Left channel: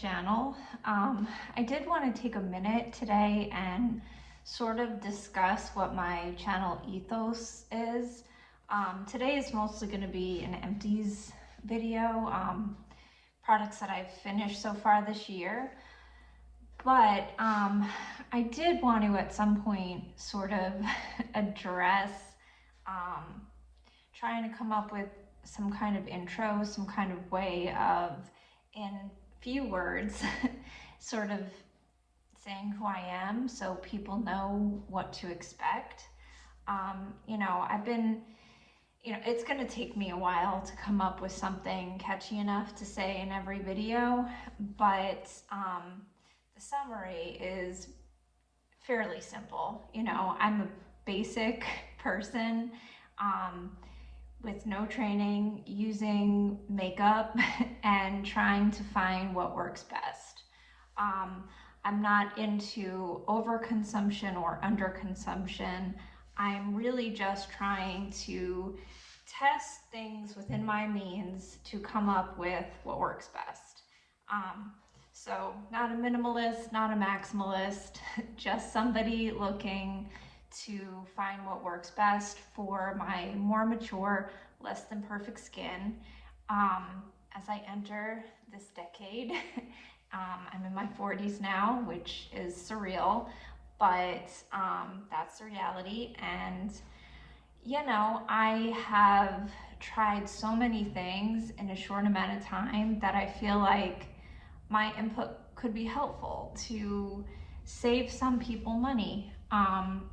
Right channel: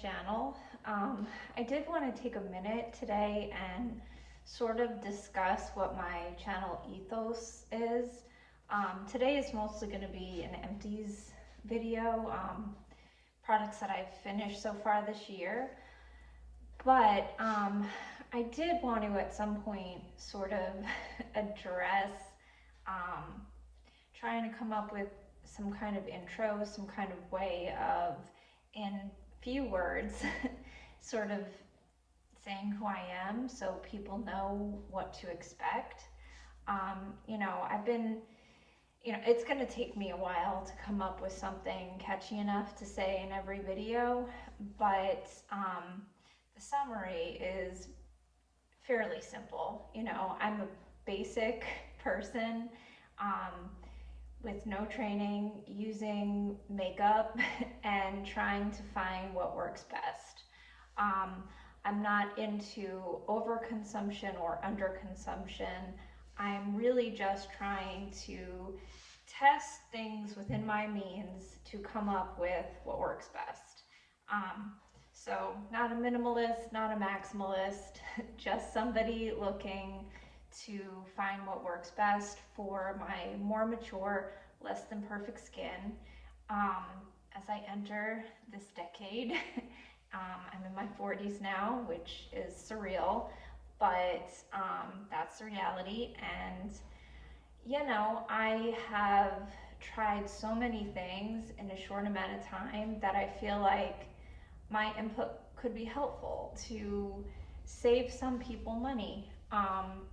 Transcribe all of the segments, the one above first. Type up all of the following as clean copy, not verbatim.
channel. I did want to take a minute today and sort of discuss what my channel ethos is. Today is mostly going to be an empties video, products that I've finished so far this year. But I did want to at some point sort of address trying to come up with some kind of intro, some kind of way of, in few words, sort of saying who I am so people know what to expect. It's going to take me a while to come up with something catchy enough to say in every video, but the summary is fairly simple. I'm a basic person with no training, using makeup and trying to find what works best. I'm not into overconsumption or underconsumption. I'm really just trying to test things within my means to come up with what works best. So not a minimalist, not a maximalist, just somebody looking to find what works best for my more mature, less than perfect skin. As I enter this decade, I'm in my 40s now, which is surreal, but that's the reality. And I have tried so many things in a short amount of time that I feel like my input could be helpful to save some people money.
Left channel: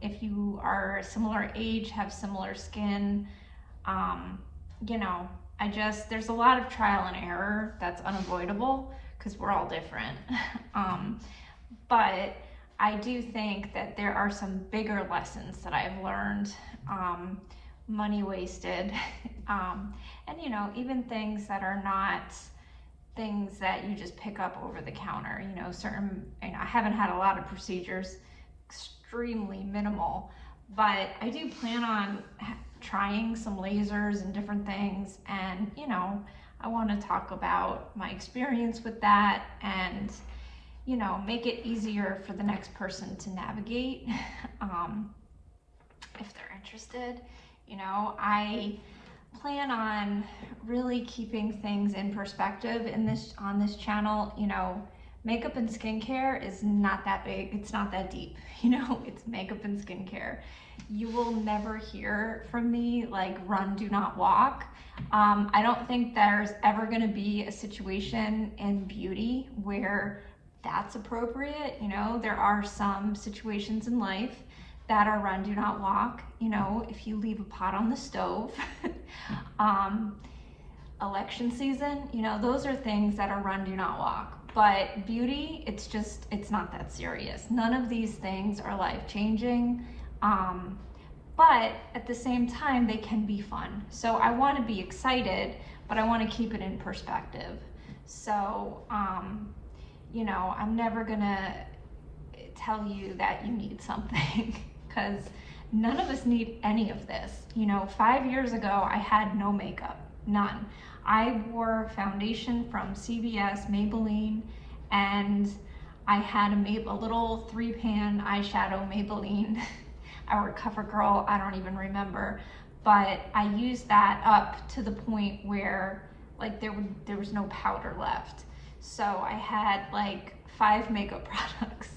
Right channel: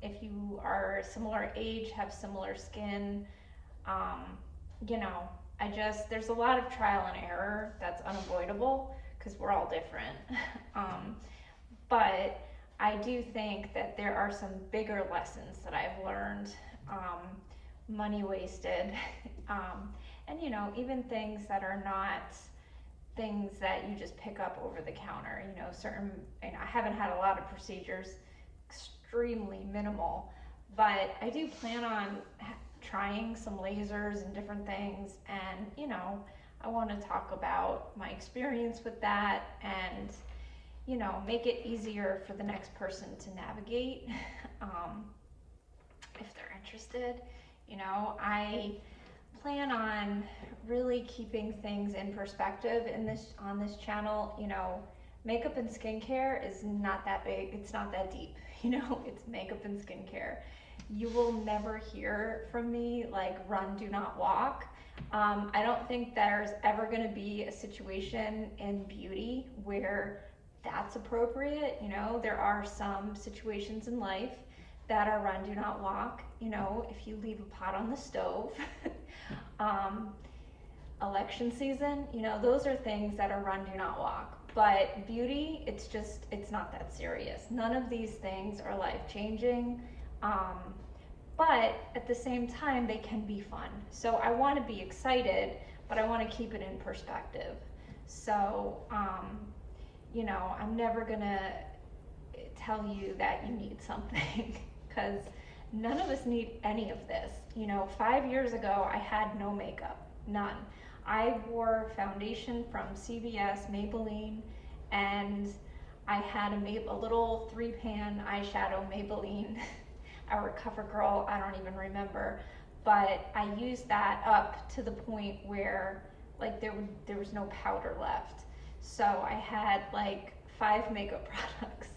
If you are similar age, have similar skin, there's a lot of trial and error that's unavoidable because we're all different. But I do think that there are some bigger lessons that I've learned, money wasted, and even things that are not things that you just pick up over the counter. I haven't had a lot of procedures, extremely minimal, but I do plan on trying some lasers and different things, and I want to talk about my experience with that and make it easier for the next person to navigate if they're interested. I plan on really keeping things in perspective on this channel. Makeup and skincare is not that big, it's not that deep. It's makeup and skincare. You will never hear from me like run, do not walk. I don't think there's ever going to be a situation in beauty where that's appropriate. There are some situations in life that are run, do not walk. If you leave a pot on the stove, election season, those are things that are run, do not walk. But beauty, it's not that serious. None of these things are life-changing, but at the same time, they can be fun. So I want to be excited, but I want to keep it in perspective. So, I'm never gonna tell you that you need something because none of us need any of this. 5 years ago, I had no makeup, none. I wore foundation from CVS, Maybelline, and I had a little 3-pan eyeshadow Maybelline, our CoverGirl, I don't even remember, but I used that up to the point where like there was no powder left. So I had like 5 makeup products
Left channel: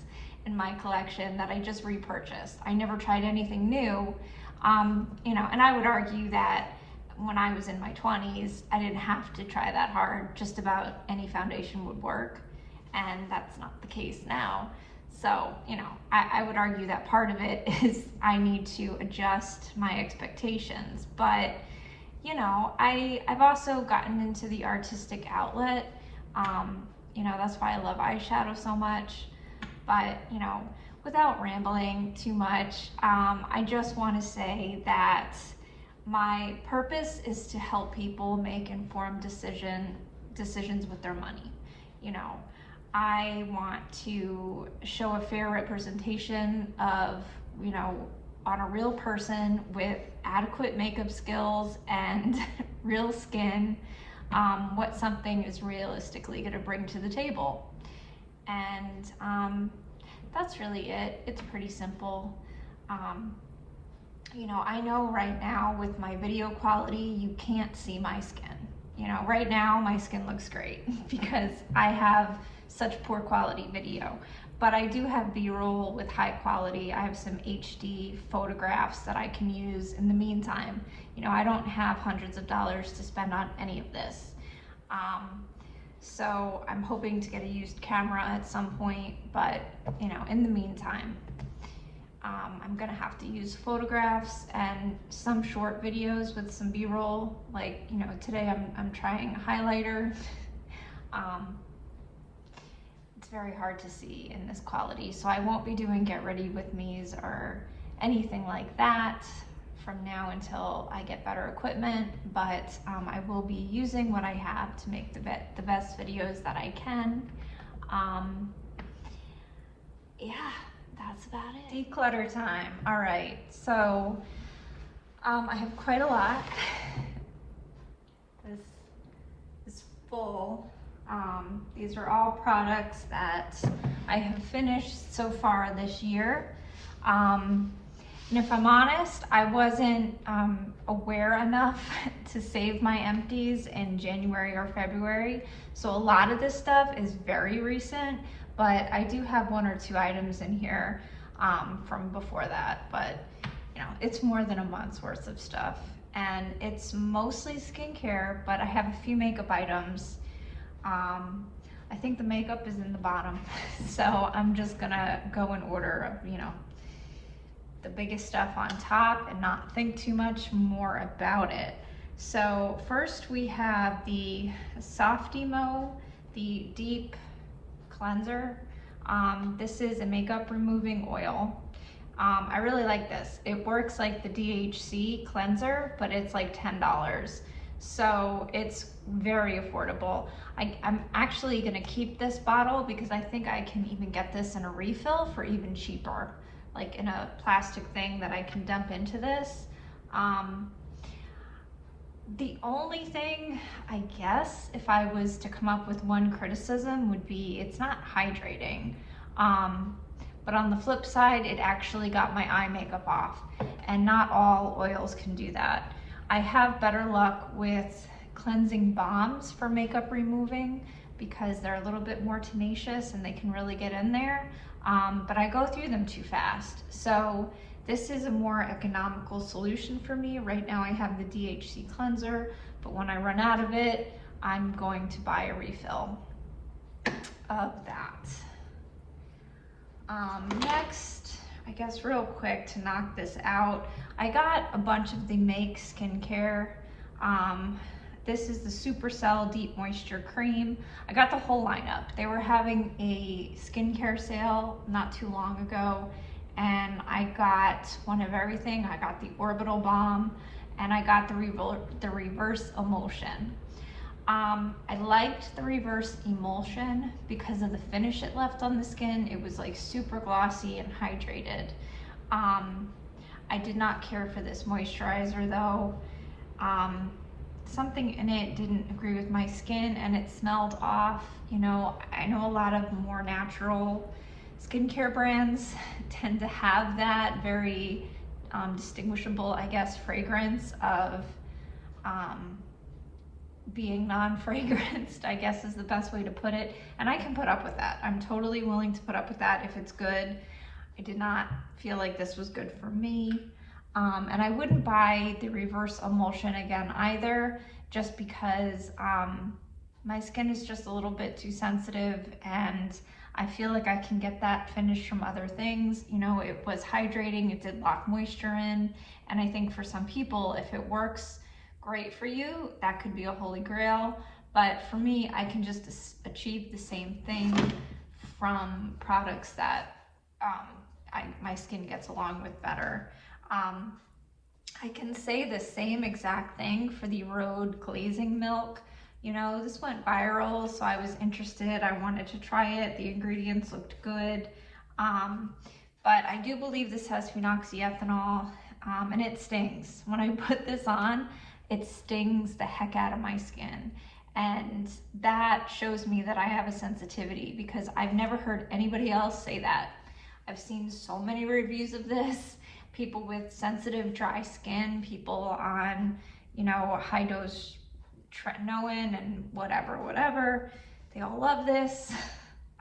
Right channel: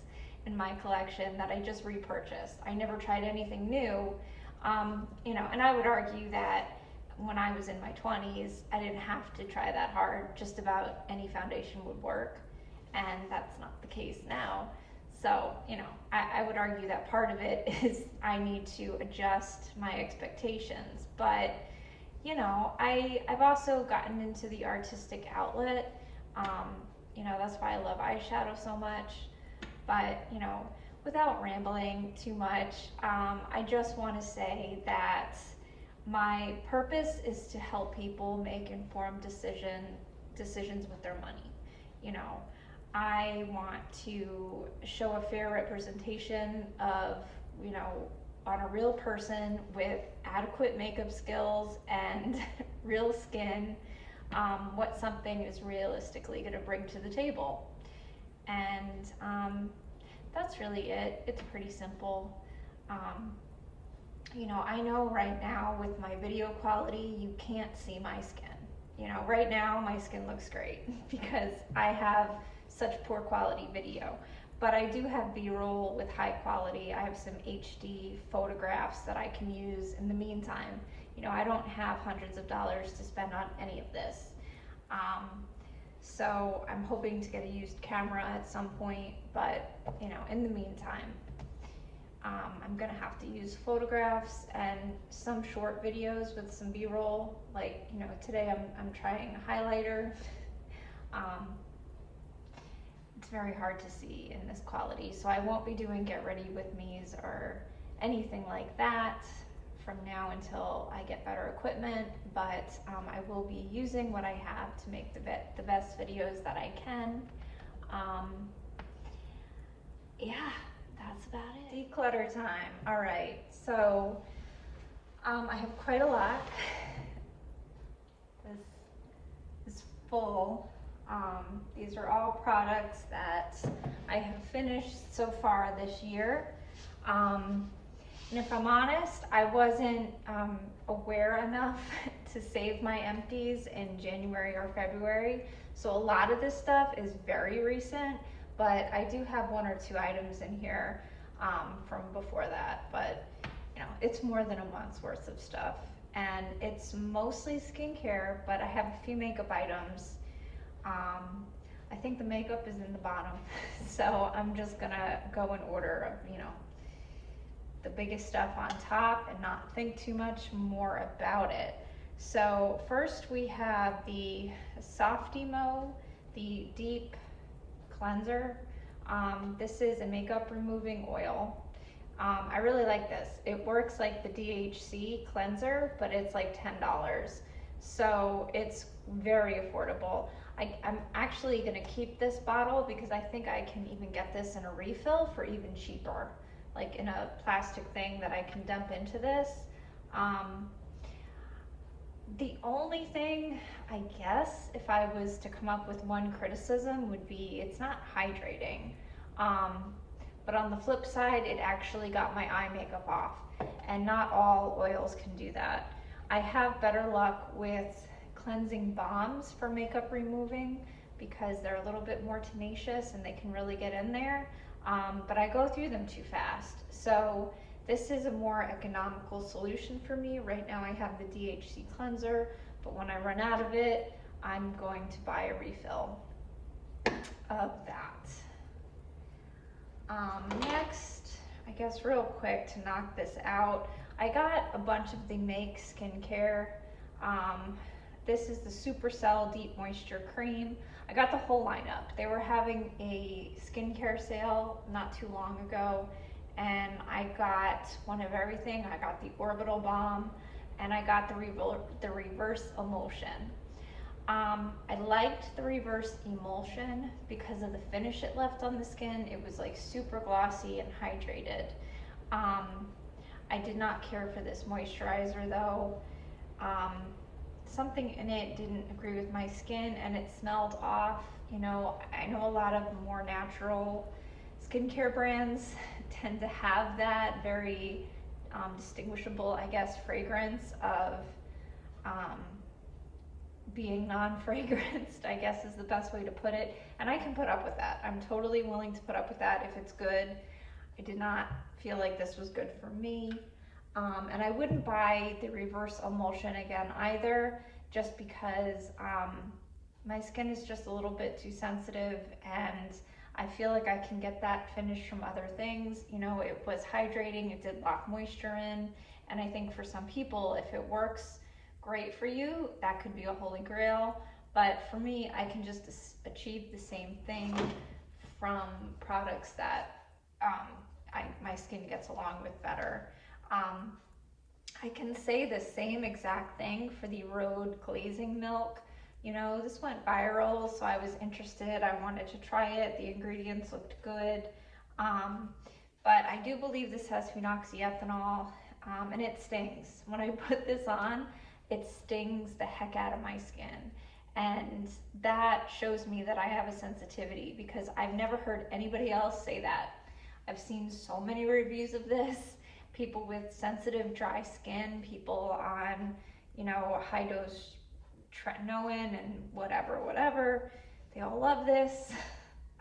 in my collection that I just repurchased. I never tried anything new, and I would argue that when I was in my 20s, I didn't have to try that hard. Just about any foundation would work, and that's not the case now. So, I would argue that part of it is I need to adjust my expectations. But, I've also gotten into the artistic outlet. That's why I love eyeshadow so much. But, without rambling too much, I just want to say that my purpose is to help people make informed decisions with their money. I want to show a fair representation of, on a real person with adequate makeup skills and real skin, what something is realistically going to bring to the table. And that's really it. It's pretty simple. You know, I know right now with my video quality, you can't see my skin. You know, right now my skin looks great because I have such poor quality video. But I do have B-roll with high quality. I have some HD photographs that I can use in the meantime. You know, I don't have hundreds of dollars to spend on any of this. So I'm hoping to get a used camera at some point, but you know, in the meantime, I'm gonna have to use photographs and some short videos with some B-roll. Like, you know, today I'm trying a highlighter. It's very hard to see in this quality, so I won't be doing get ready with me's or anything like that from now until I get better equipment, but I will be using what I have to make the best videos that I can. Yeah, that's about it. Declutter time. All right, so I have quite a lot. This is full. These are all products that I have finished so far this year. And if I'm honest, I wasn't aware enough to save my empties in January or February. So a lot of this stuff is very recent, but I do have one or two items in here from before that. But you know, it's more than a month's worth of stuff. And it's mostly skincare, but I have a few makeup items. I think the makeup is in the bottom. So I'm just gonna go in order of, you know, the biggest stuff on top and not think too much more about it. So first we have the Softymo, the deep cleanser. This is a makeup removing oil. I really like this. It works like the DHC cleanser, but it's like $10. So it's very affordable. I'm actually gonna keep this bottle because I think I can even get this in a refill for even cheaper, like in a plastic thing that I can dump into this. The only thing, I guess, if I was to come up with one criticism would be it's not hydrating. But on the flip side, it actually got my eye makeup off, and not all oils can do that. I have better luck with cleansing balms for makeup removing because they're a little bit more tenacious and they can really get in there, but I go through them too fast. So this is a more economical solution for me. Right now I have the DHC cleanser, but when I run out of it, I'm going to buy a refill of that. Next, I guess real quick to knock this out, I got a bunch of the Make skincare. This is the Supercell Deep Moisture Cream. I got the whole lineup. They were having a skincare sale not too long ago, and I got one of everything. I got the Orbital Balm, and I got the Reverse Emulsion. I liked the Reverse Emulsion because of the finish it left on the skin. It was like super glossy and hydrated. I did not care for this moisturizer though. Something in it didn't agree with my skin and it smelled off. You know, I know a lot of more natural skincare brands tend to have that very distinguishable, I guess, fragrance of being non-fragranced, I guess is the best way to put it. And I can put up with that. I'm totally willing to put up with that if it's good. I did not feel like this was good for me. And I wouldn't buy the Reverse Emulsion again either, just because my skin is just a little bit too sensitive and I feel like I can get that finish from other things. You know, it was hydrating, it did lock moisture in, and I think for some people, if it works great for you, that could be a holy grail. But for me, I can just achieve the same thing from products that my skin gets along with better. I can say the same exact thing for the Rhode glazing milk. You know, this went viral, so I was interested. I wanted to try it. The ingredients looked good. But I do believe this has phenoxyethanol, and it stings. When I put this on, it stings the heck out of my skin. And that shows me that I have a sensitivity, because I've never heard anybody else say that. I've seen so many reviews of this, people with sensitive dry skin, people on, you know, high dose tretinoin and whatever. They all love this.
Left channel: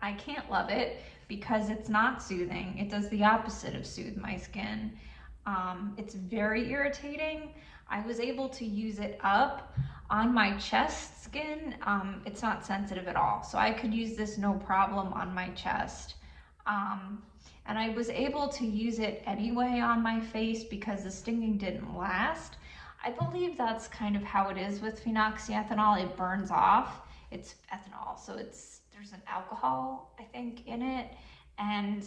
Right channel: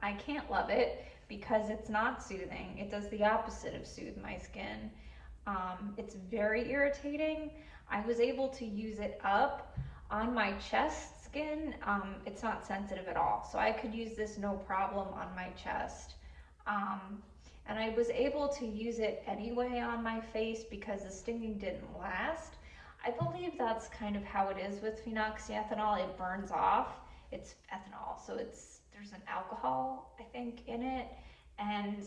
I can't love it because it's not soothing. It does the opposite of soothe my skin. It's very irritating. I was able to use it up on my chest skin. It's not sensitive at all, so I could use this no problem on my chest. And I was able to use it anyway on my face because the stinging didn't last. I believe that's kind of how it is with phenoxyethanol. It burns off. It's ethanol, so there's an alcohol, I think, in it. And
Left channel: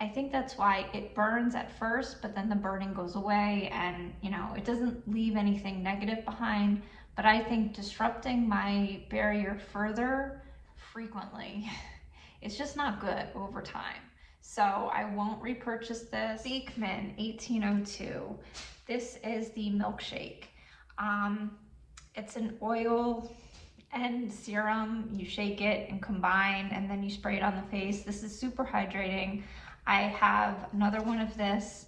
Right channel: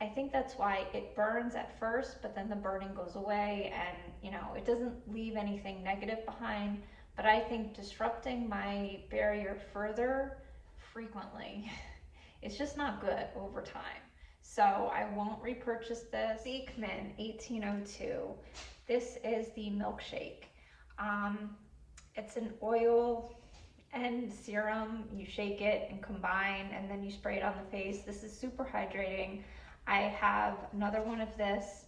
I think that's why it burns at first, but then the burning goes away and, you know, it doesn't leave anything negative behind. But I think disrupting my barrier further frequently, it's just not good over time. So I won't repurchase this. Beekman 1802. This is the milkshake. It's an oil and serum. You shake it and combine, and then you spray it on the face. This is super hydrating. I have another one of this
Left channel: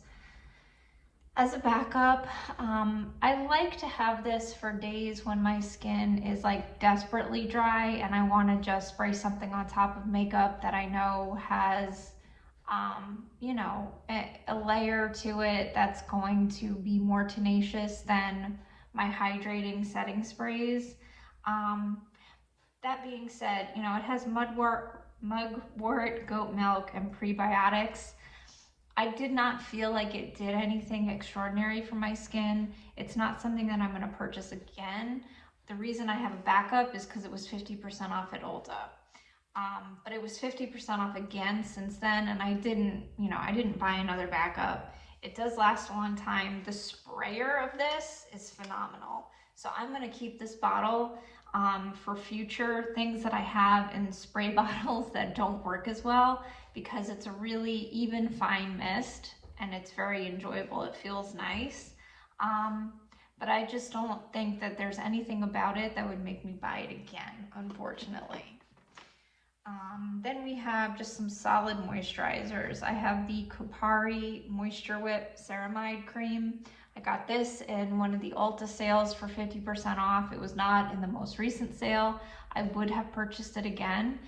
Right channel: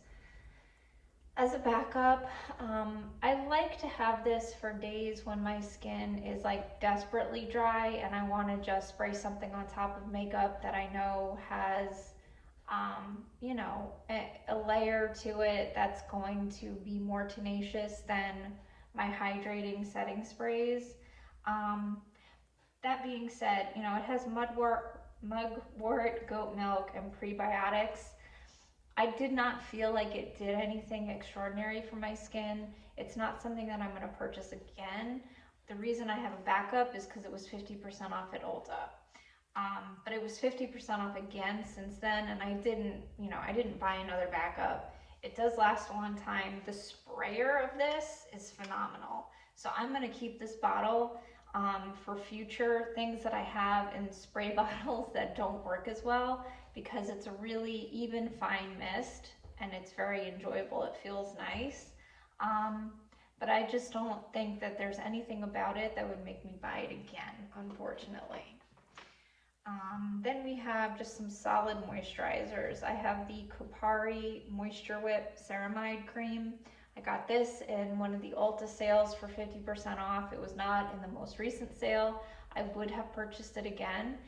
as a backup. I like to have this for days when my skin is like desperately dry and I want to just spray something on top of makeup that I know has you know, a layer to it that's going to be more tenacious than my hydrating setting sprays. That being said, you know, it has mugwort, goat milk, and prebiotics. I did not feel like it did anything extraordinary for my skin. It's not something that I'm going to purchase again. The reason I have a backup is because it was 50% off at Ulta. But it was 50% off again since then, and I didn't buy another backup. It does last a long time. The sprayer of this is phenomenal. So I'm going to keep this bottle for future things that I have in spray bottles that don't work as well, because it's a really even fine mist and it's very enjoyable. It feels nice. But I just don't think that there's anything about it that would make me buy it again, unfortunately. Then we have just some solid moisturizers. I have the Kopari Moisture Whip Ceramide Cream. I got this in one of the Ulta sales for 50% off. It was not in the most recent sale. I would have purchased it again.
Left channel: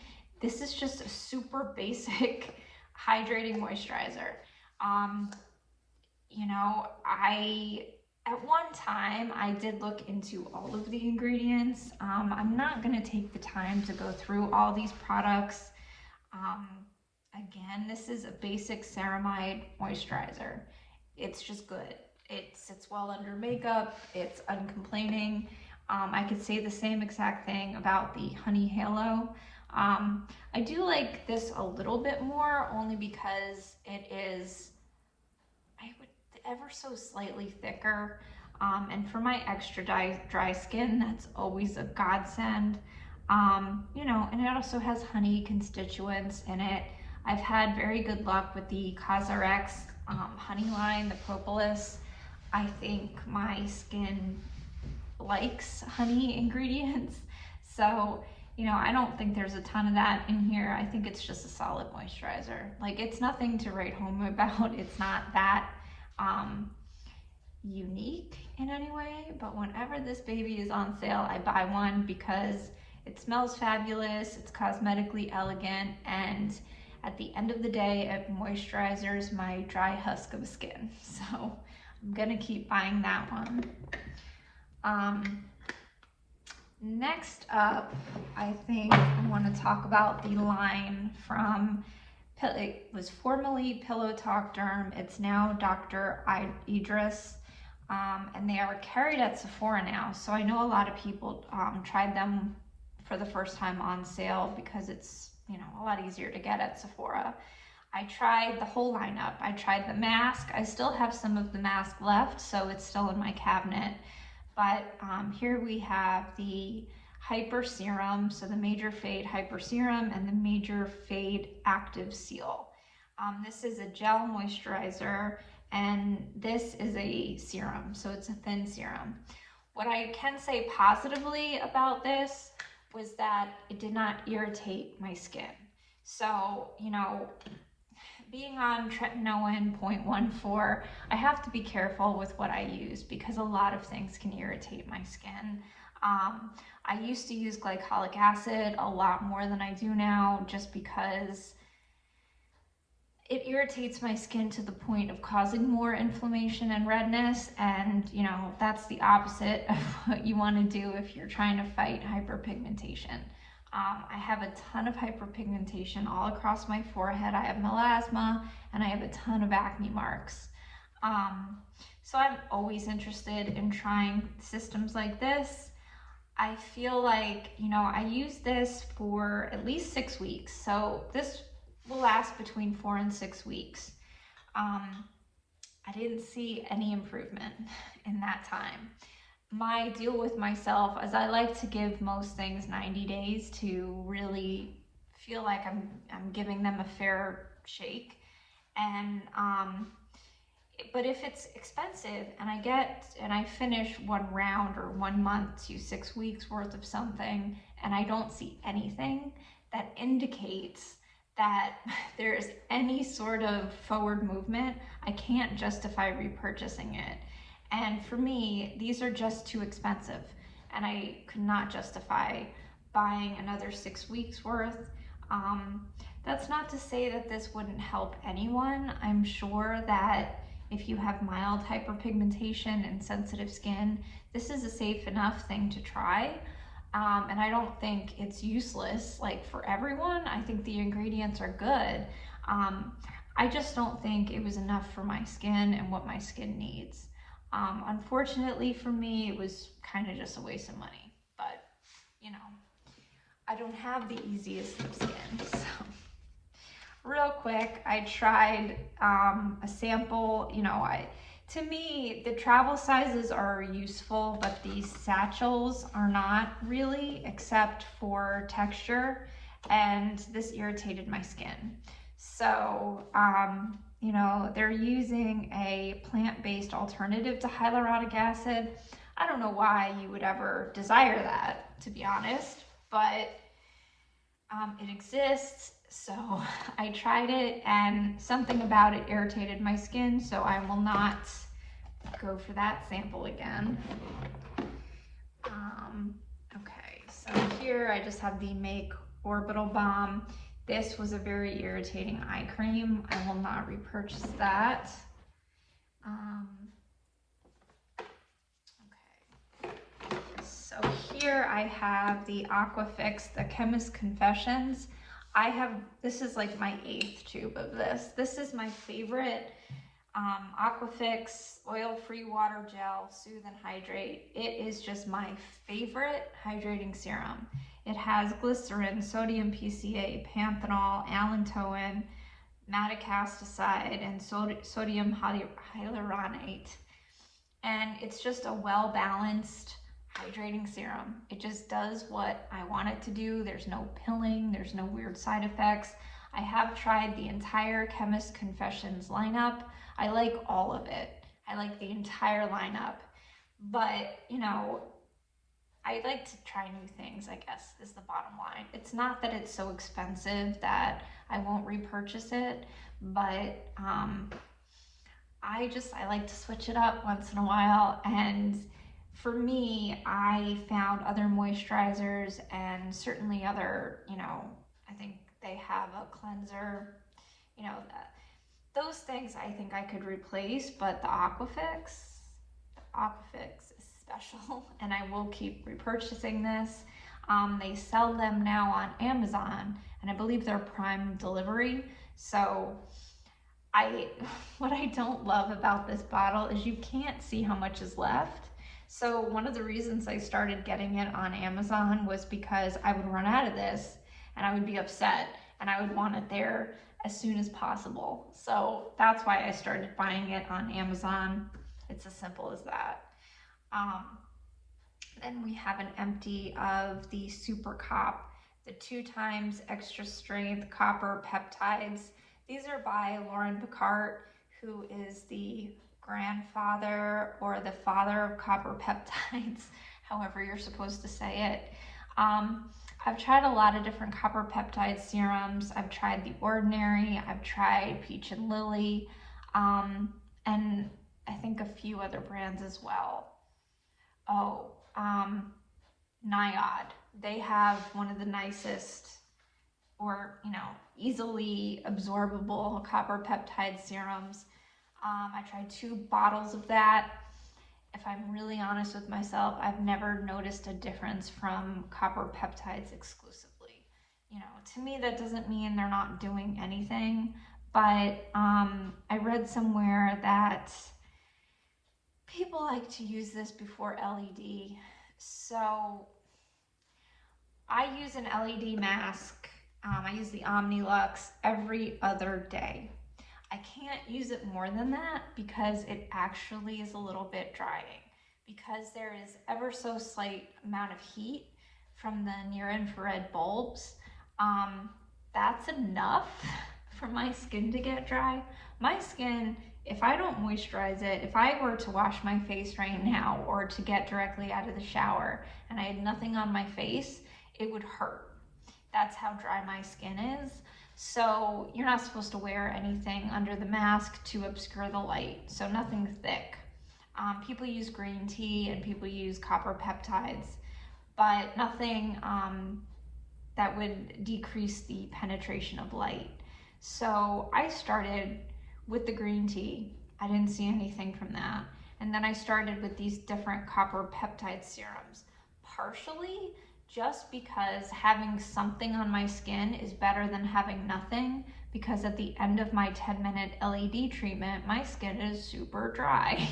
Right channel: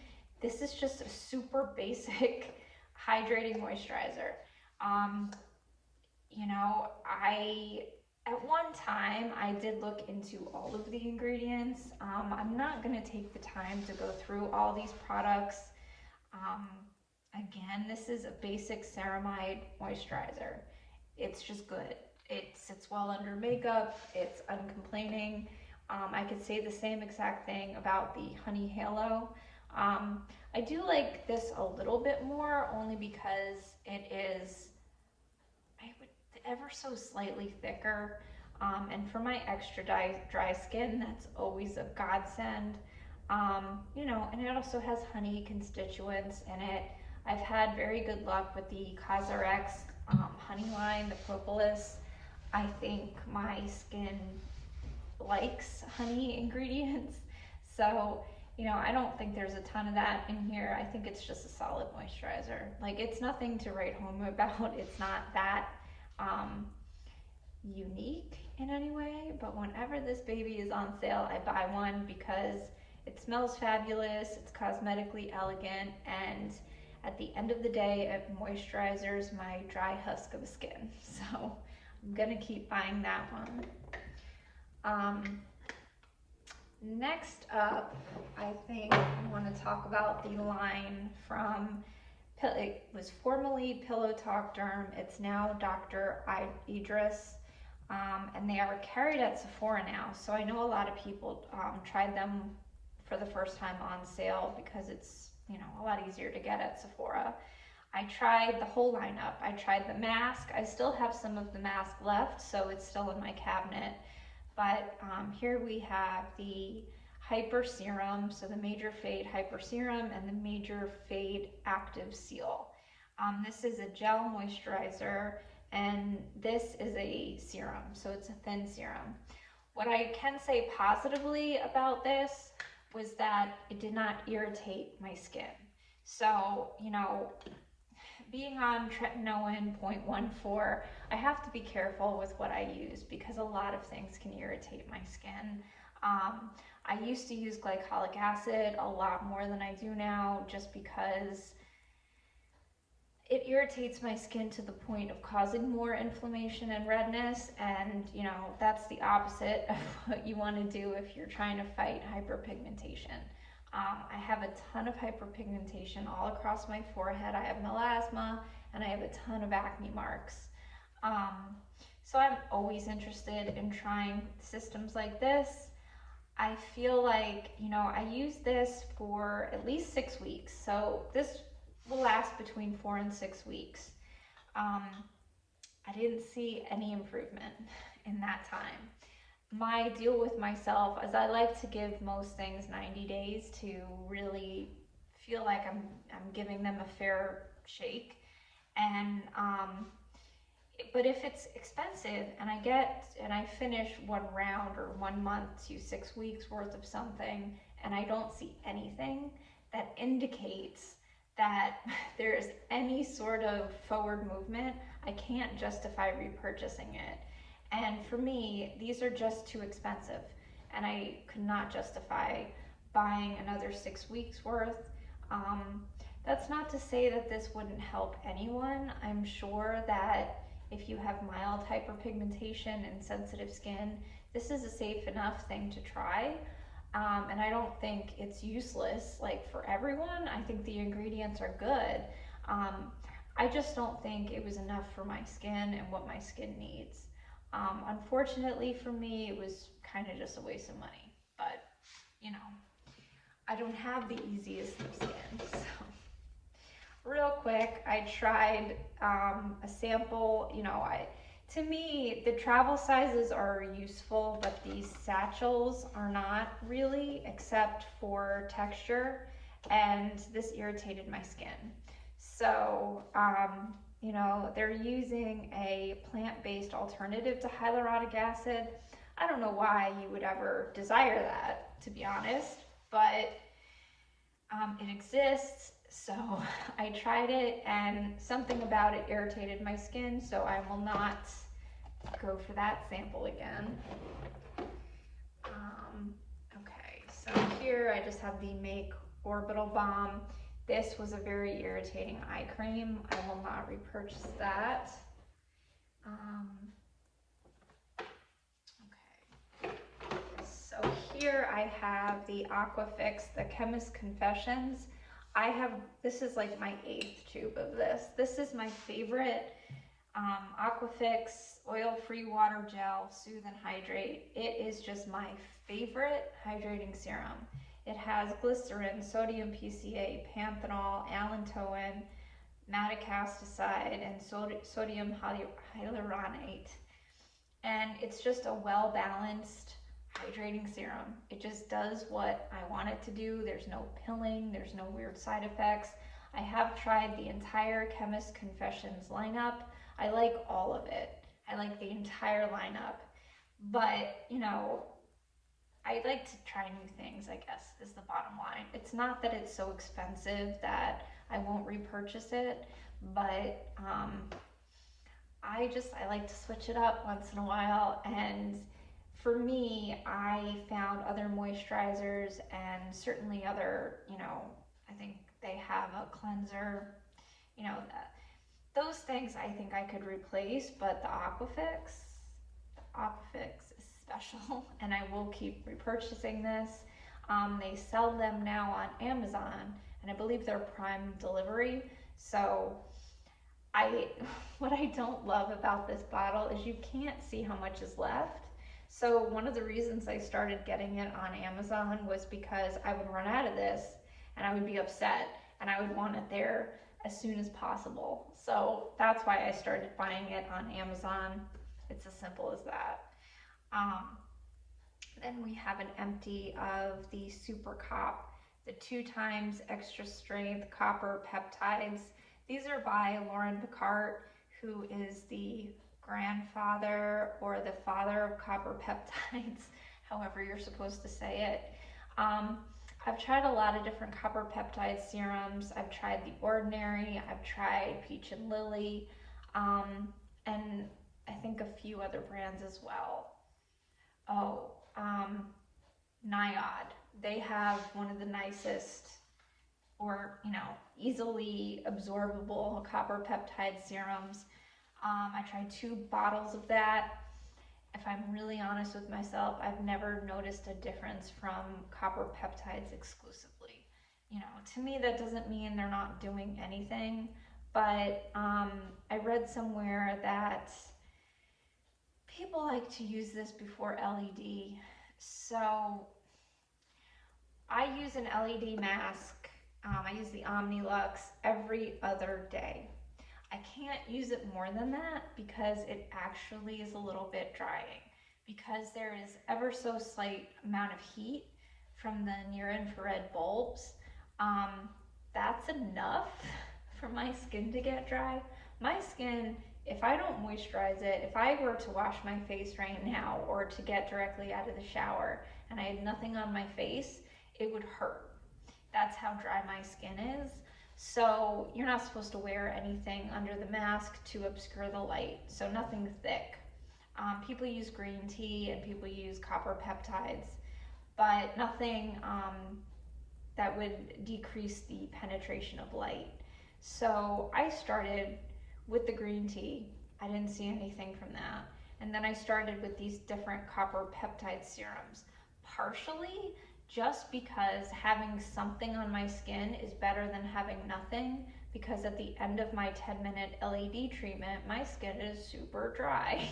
This is just a super basic hydrating moisturizer. You know, at one time, I did look into all of the ingredients. I'm not going to take the time to go through all these products. Again, this is a basic ceramide moisturizer. It's just good. It sits well under makeup. It's uncomplaining. I could say the same exact thing about the Honey Halo. I do like this a little bit more, only because it is ever so slightly thicker, and for my extra dry skin, that's always a godsend. You know, and it also has honey constituents in it. I've had very good luck with the COSRX honey line, the propolis. I think my skin likes honey ingredients, so you know, I don't think there's a ton of that in here. I think it's just a solid moisturizer. Like, it's nothing to write home about. It's not that unique in any way, but whenever this baby is on sale, I buy one because it smells fabulous, it's cosmetically elegant, and at the end of the day, it moisturizes my dry husk of skin. So I'm gonna keep buying that one. Next up, I think I want to talk about the line from, it was formerly Pillow Talk Derm. It's now Dr. Idriss, and they are carried at Sephora now. So I know a lot of people tried them for the first time on sale because it's, you know, a lot easier to get at Sephora. I tried the whole lineup. I tried the mask. I still have some of the mask left, so it's still in my cabinet. But here we have the Hyper Serum, so the Major Fade Hyper Serum and the Major Fade Active Seal. This is a gel moisturizer, and this is a serum, so it's a thin serum. What I can say positively about this, was that it did not irritate my skin. So, you know, being on tretinoin 0.14, I have to be careful with what I use because a lot of things can irritate my skin. I used to use glycolic acid a lot more than I do now, just because it irritates my skin to the point of causing more inflammation and redness, and you know, that's the opposite of what you want to do if you're trying to fight hyperpigmentation. I have a ton of hyperpigmentation all across my forehead. I have melasma and I have a ton of acne marks. So I'm always interested in trying systems like this. I feel like, you know, I use this for at least 6 weeks. So this will last between 4 and 6 weeks. I didn't see any improvement in that time. My deal with myself is I like to give most things 90 days to really feel like I'm giving them a fair shake. And but if it's expensive and I finish one round or 1 month to 6 weeks worth of something and I don't see anything that indicates that there's any sort of forward movement, I can't justify repurchasing it. And for me, these are just too expensive, and I could not justify buying another 6 weeks worth. That's not to say that this wouldn't help anyone. I'm sure that if you have mild hyperpigmentation and sensitive skin, this is a safe enough thing to try. And I don't think it's useless like for everyone. I think the ingredients are good. I just don't think it was enough for my skin and what my skin needs. Unfortunately for me, it was kind of just a waste of money, but you know, I don't have the easiest of skin. So real quick, I tried a sample. You know, to me, the travel sizes are useful, but these satchels are not really, except for texture, and this irritated my skin. So, you know, they're using a plant-based alternative to hyaluronic acid. I don't know why you would ever desire that, to be honest, but it exists. So I tried it and something about it irritated my skin, so I will not go for that sample again. Okay, so here I just have the Make Orbital Balm. This was a very irritating eye cream. I will not repurchase that. Okay, so here I have the Aquafix, the Chemist Confessions. This is like my 8th tube of this. This is my favorite Aquafix oil-free water gel, Soothe and Hydrate. It is just my favorite hydrating serum. It has glycerin, sodium PCA, panthenol, allantoin, madecassoside, and sodium hyaluronate. And it's just a well-balanced hydrating serum. It just does what I want it to do. There's no pilling, there's no weird side effects. I have tried the entire Chemist Confessions lineup. I like all of it. I like the entire lineup. But, you know, I like to try new things, I guess, is the bottom line. It's not that it's so expensive that I won't repurchase it, but I like to switch it up once in a while. And for me, I found other moisturizers and certainly other, you know, I think they have a cleanser, you know, those things I think I could replace, but the Aquafix is special, and I will keep repurchasing this. They sell them now on Amazon, and I believe they're Prime delivery. So what I don't love about this bottle is you can't see how much is left. So one of the reasons I started getting it on Amazon was because I would run out of this and I would be upset and I would want it there as soon as possible. So that's why I started buying it on Amazon. It's as simple as that. Then we have an empty of the Supercop, the 2x extra strength copper peptides. These are by Pickart, who is the grandfather or the father of copper peptides, however you're supposed to say it. I've tried a lot of different copper peptide serums. I've tried the Ordinary, I've tried Peach and Lily, and I think a few other brands as well. Oh, Nyod. They have one of the nicest, or easily absorbable copper peptide serums. I tried 2 bottles of that. If I'm really honest with myself, I've never noticed a difference from copper peptides exclusively. To me that doesn't mean they're not doing anything, but I read somewhere that people like to use this before LED. So I use an LED mask. I use the Omnilux every other day. I can't use it more than that because it actually is a little bit drying, because there is ever so slight amount of heat from the near infrared bulbs. That's enough for my skin to get dry. My skin, if I don't moisturize it, if I were to wash my face right now or to get directly out of the shower and I had nothing on my face, it would hurt. That's how dry my skin is. So you're not supposed to wear anything under the mask to obscure the light, so nothing thick. People use green tea and people use copper peptides, but nothing that would decrease the penetration of light. So I started with the green tea. I didn't see anything from that. And then I started with these different copper peptide serums, partially just because having something on my skin is better than having nothing, because at the end of my 10-minute LED treatment, my skin is super dry.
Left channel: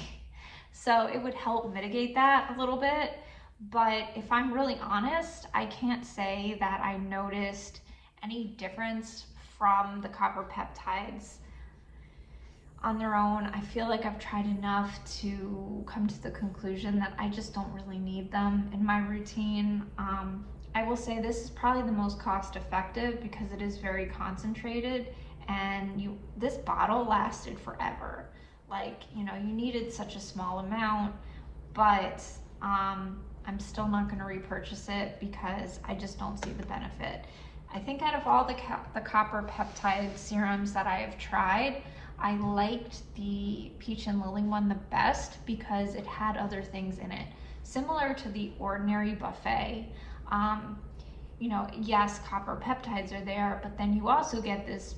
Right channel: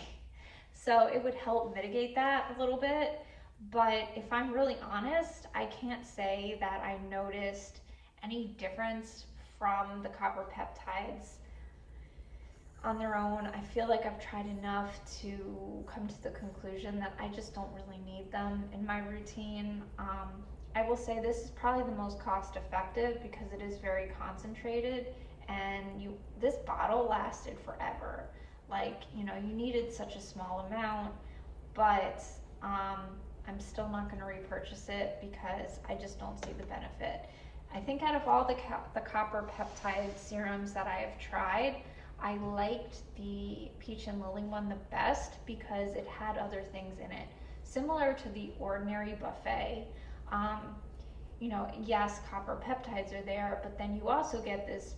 So it would help mitigate that a little bit. But if I'm really honest, I can't say that I noticed any difference from the copper peptides on their own. I feel like I've tried enough to come to the conclusion that I just don't really need them in my routine. I will say this is probably the most cost effective because it is very concentrated, and this bottle lasted forever. Like, you needed such a small amount, but I'm still not going to repurchase it because I just don't see the benefit. I think out of all the copper peptide serums that I have tried, I liked the Peach and Lily one the best because it had other things in it. Similar to the Ordinary buffet, yes, copper peptides are there, but then you also get this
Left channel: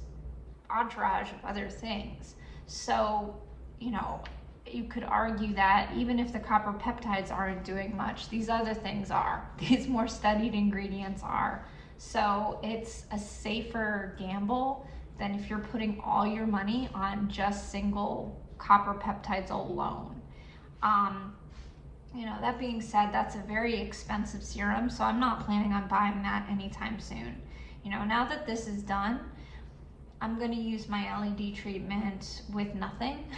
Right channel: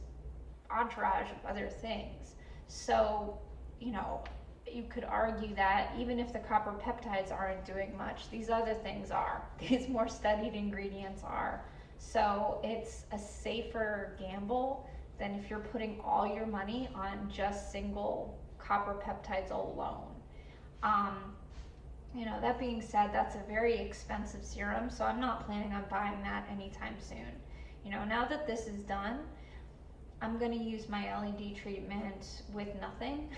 entourage of other things. So, you could argue that even if the copper peptides aren't doing much, these other things are. These more studied ingredients are. So it's a safer gamble than if you're putting all your money on just single copper peptides alone. That being said, that's a very expensive serum, so I'm not planning on buying that anytime soon. Now that this is done, I'm going to use my LED treatment with nothing.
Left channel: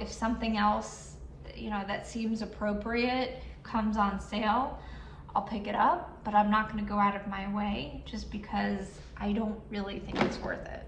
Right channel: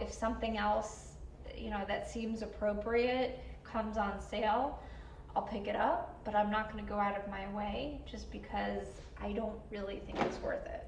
If something else, that seems appropriate comes on sale, I'll pick it up, but I'm not going to go out of my way just because I don't really think it's worth it.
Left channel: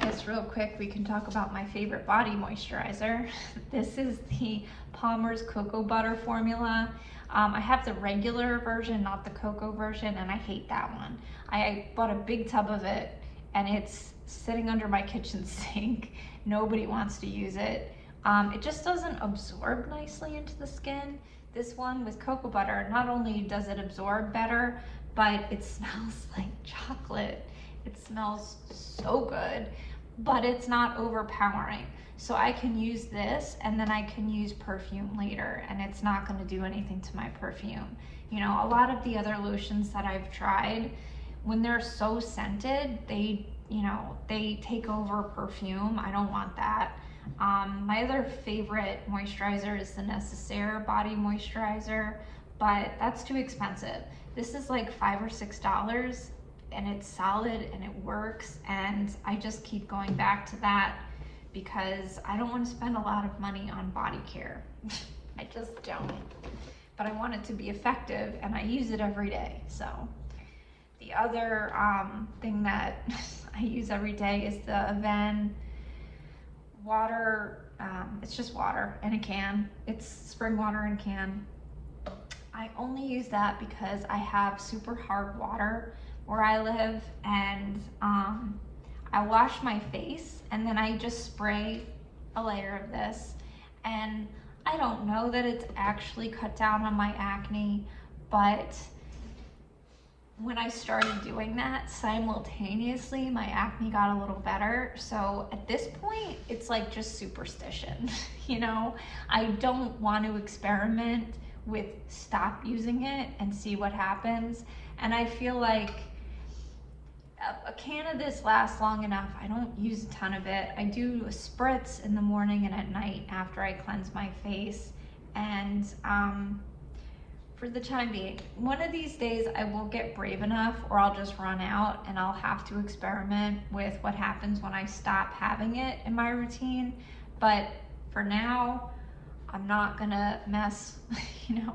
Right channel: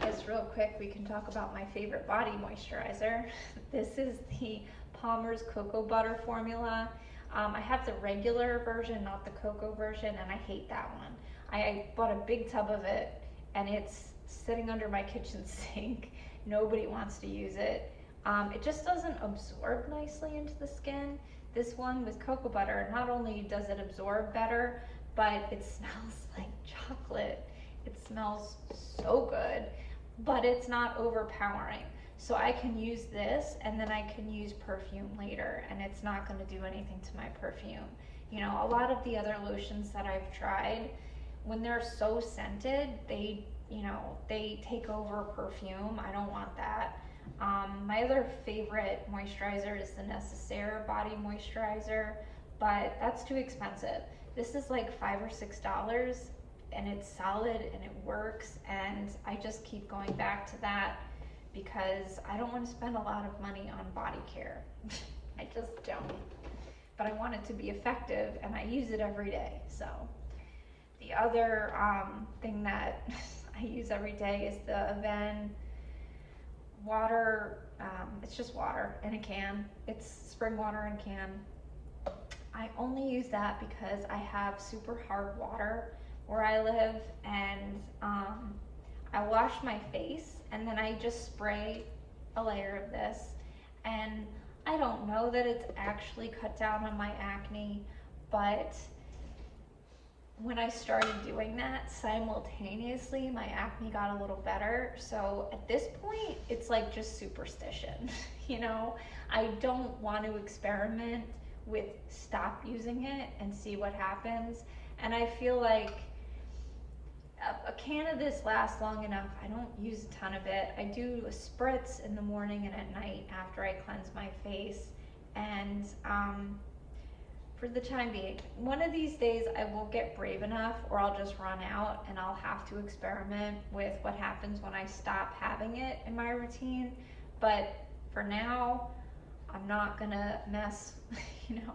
Just real quick, we can talk about my favorite body moisturizer. This is the Palmer's Cocoa Butter formula. I have the regular version, not the cocoa version, and I hate that one. I bought a big tub of it, and it's sitting under my kitchen sink. Nobody wants to use it. It just doesn't absorb nicely into the skin. This one with cocoa butter, not only does it absorb better, but it smells like chocolate. It smells so good, but it's not overpowering. So I can use this and then I can use perfume later, and it's not going to do anything to my perfume. A lot of the other lotions that I've tried, when they're so scented, they take over perfume. I don't want that. My other favorite moisturizer is the Necessaire body moisturizer, but that's too expensive. This is like $5 or $6, and it's solid and it works, and I just keep going back to that because I don't want to spend a lot of money on body care. I just don't. But I want it to be effective, and I use it every day. So the other thing that I use every day is the Avene water It's just water in a can. It's spring water in a can. I only use that because I have super hard water where I live, and I wash my face and then I just spray a layer of this, and I don't know that it's actually cut down on my acne, but when I started doing that simultaneously, my acne got a little better. So at this point, it's like just superstition. You know, I don't want to experiment with stop using it and see what happens. And I feel like a can of this lasts long enough. I don't use a ton of it. I do a spritz in the morning and at night after I cleanse my face. And for the time being, one of these days I will get brave enough, or I'll just run out and I'll have to experiment with what happens when I stop having it in my routine. But for now, I'm not gonna mess, you know,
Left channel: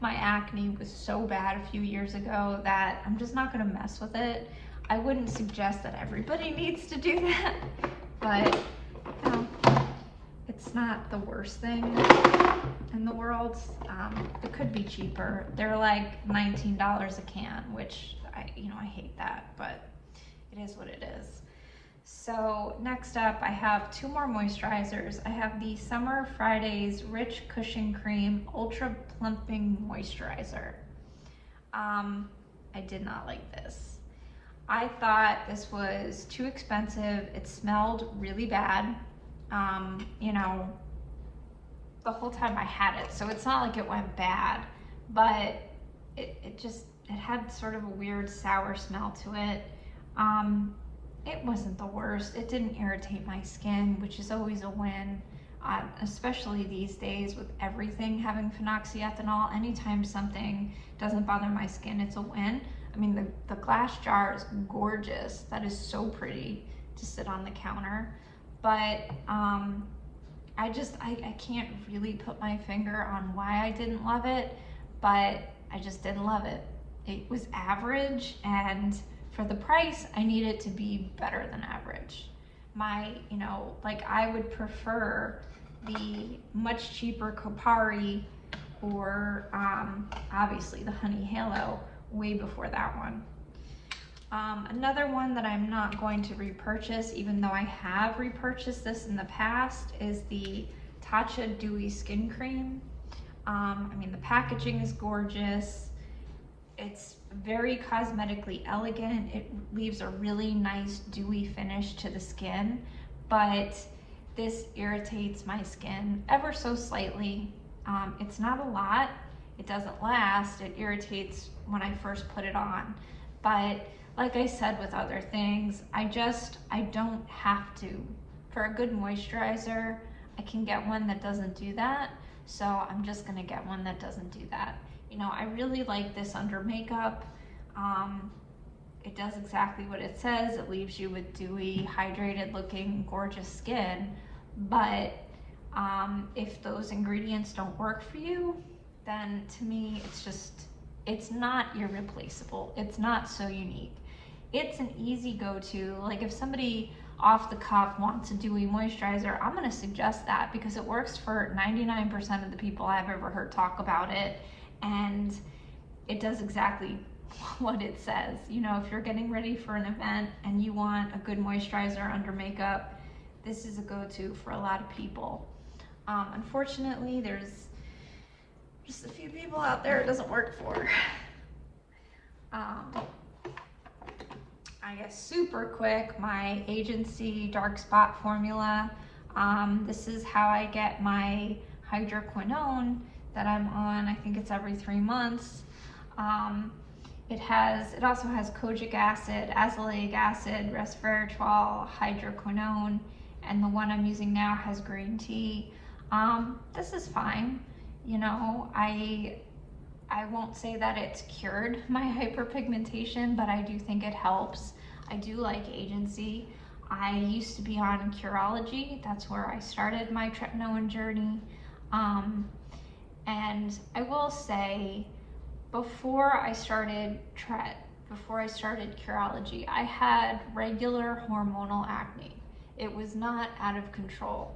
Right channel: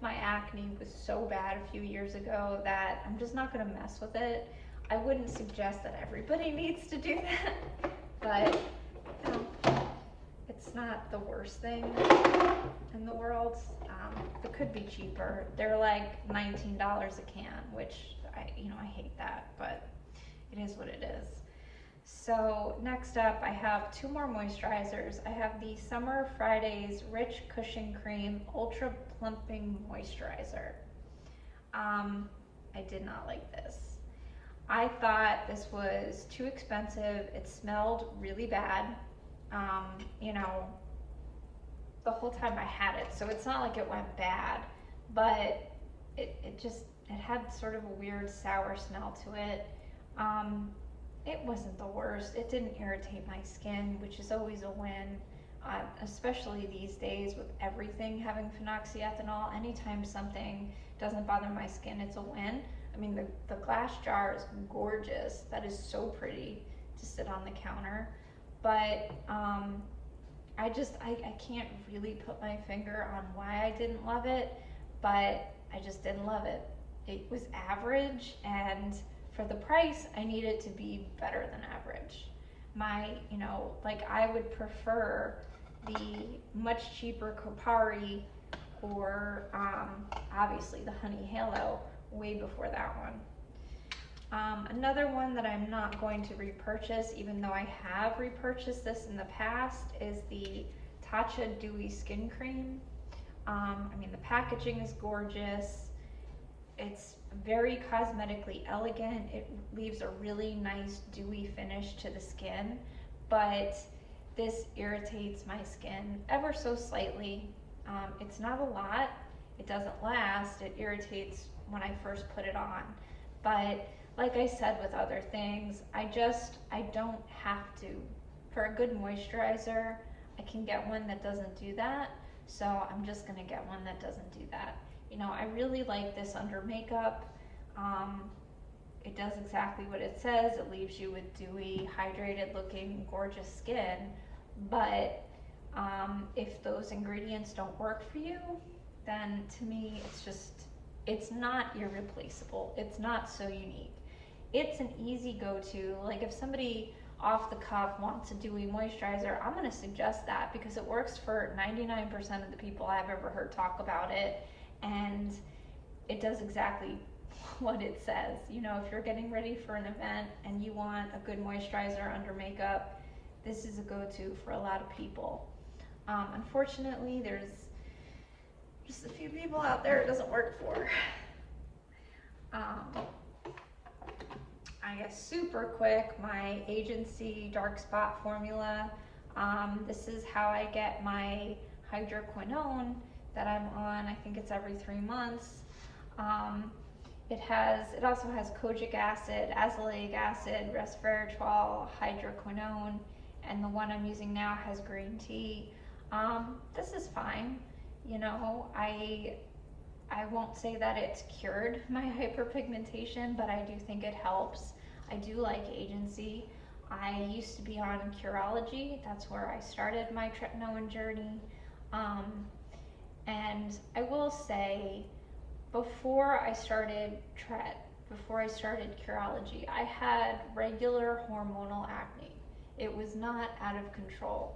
my acne was so bad a few years ago that I'm just not gonna mess with it. I wouldn't suggest that everybody needs to do that, but you know, it's not the worst thing in the world. It could be cheaper. They're like $19 a can, which I hate that, but it is what it is. So next up, I have two more moisturizers. I have the Summer Fridays Rich Cushion Cream Ultra Plumping Moisturizer. I did not like this. I thought this was too expensive. It smelled really bad. You know, the whole time I had it, so it's not like it went bad, but it had sort of a weird sour smell to it. It wasn't the worst. It didn't irritate my skin, which is always a win, especially these days with everything having phenoxyethanol. Anytime something doesn't bother my skin, it's a win. I mean, the glass jar is gorgeous. That is so pretty to sit on the counter. But I can't really put my finger on why I didn't love it, but I just didn't love it. It was average, and for the price, I need it to be better than average. Like I would prefer the much cheaper Kopari or obviously the Honey Halo way before that one. Another one that I'm not going to repurchase, even though I have repurchased this in the past, is the Tatcha Dewy Skin Cream. I mean, the packaging is gorgeous. It's very cosmetically elegant. It leaves a really nice dewy finish to the skin, but this irritates my skin ever so slightly. It's not a lot. It doesn't last. It irritates when I first put it on, but like I said with other things, I don't have to. For a good moisturizer, I can get one that doesn't do that, so I'm just gonna get one that doesn't do that. You know, I really like this under makeup. It does exactly what it says. It leaves you with dewy, hydrated looking, gorgeous skin, but if those ingredients don't work for you, then to me, it's not irreplaceable. It's not so unique. It's an easy go-to. Like if somebody off the cuff wants a dewy moisturizer, I'm gonna suggest that because it works for 99% of the people I've ever heard talk about it, and it does exactly what it says. You know, if you're getting ready for an event and you want a good moisturizer under makeup, this is a go-to for a lot of people. Unfortunately, there's just a few people out there it doesn't work for. I guess super quick, my agency dark spot formula. This is how I get my hydroquinone that I'm on. I think it's every 3 months. It also has kojic acid, azelaic acid, resveratrol, hydroquinone, and the one I'm using now has green tea. This is fine. You know, I won't say that it's cured my hyperpigmentation, but I do think it helps. I do like agency. I used to be on Curology. That's where I started my tretinoin journey. And I will say, before I started Curology, I had regular hormonal acne. It was not out of control.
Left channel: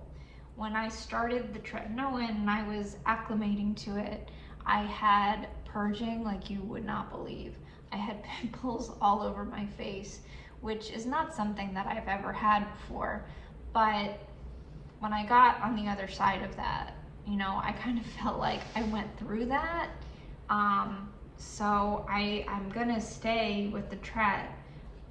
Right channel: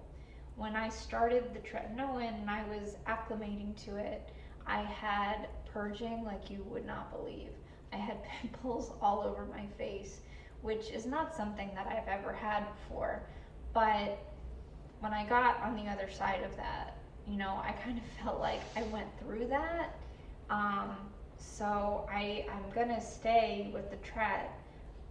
when I started the tretinoin and I was acclimating to it, I had purging like you would not believe. I had pimples all over my face, which is not something that I've ever had before. But when I got on the other side of that, you know, I kind of felt like I went through that. So I'm gonna stay with the tret,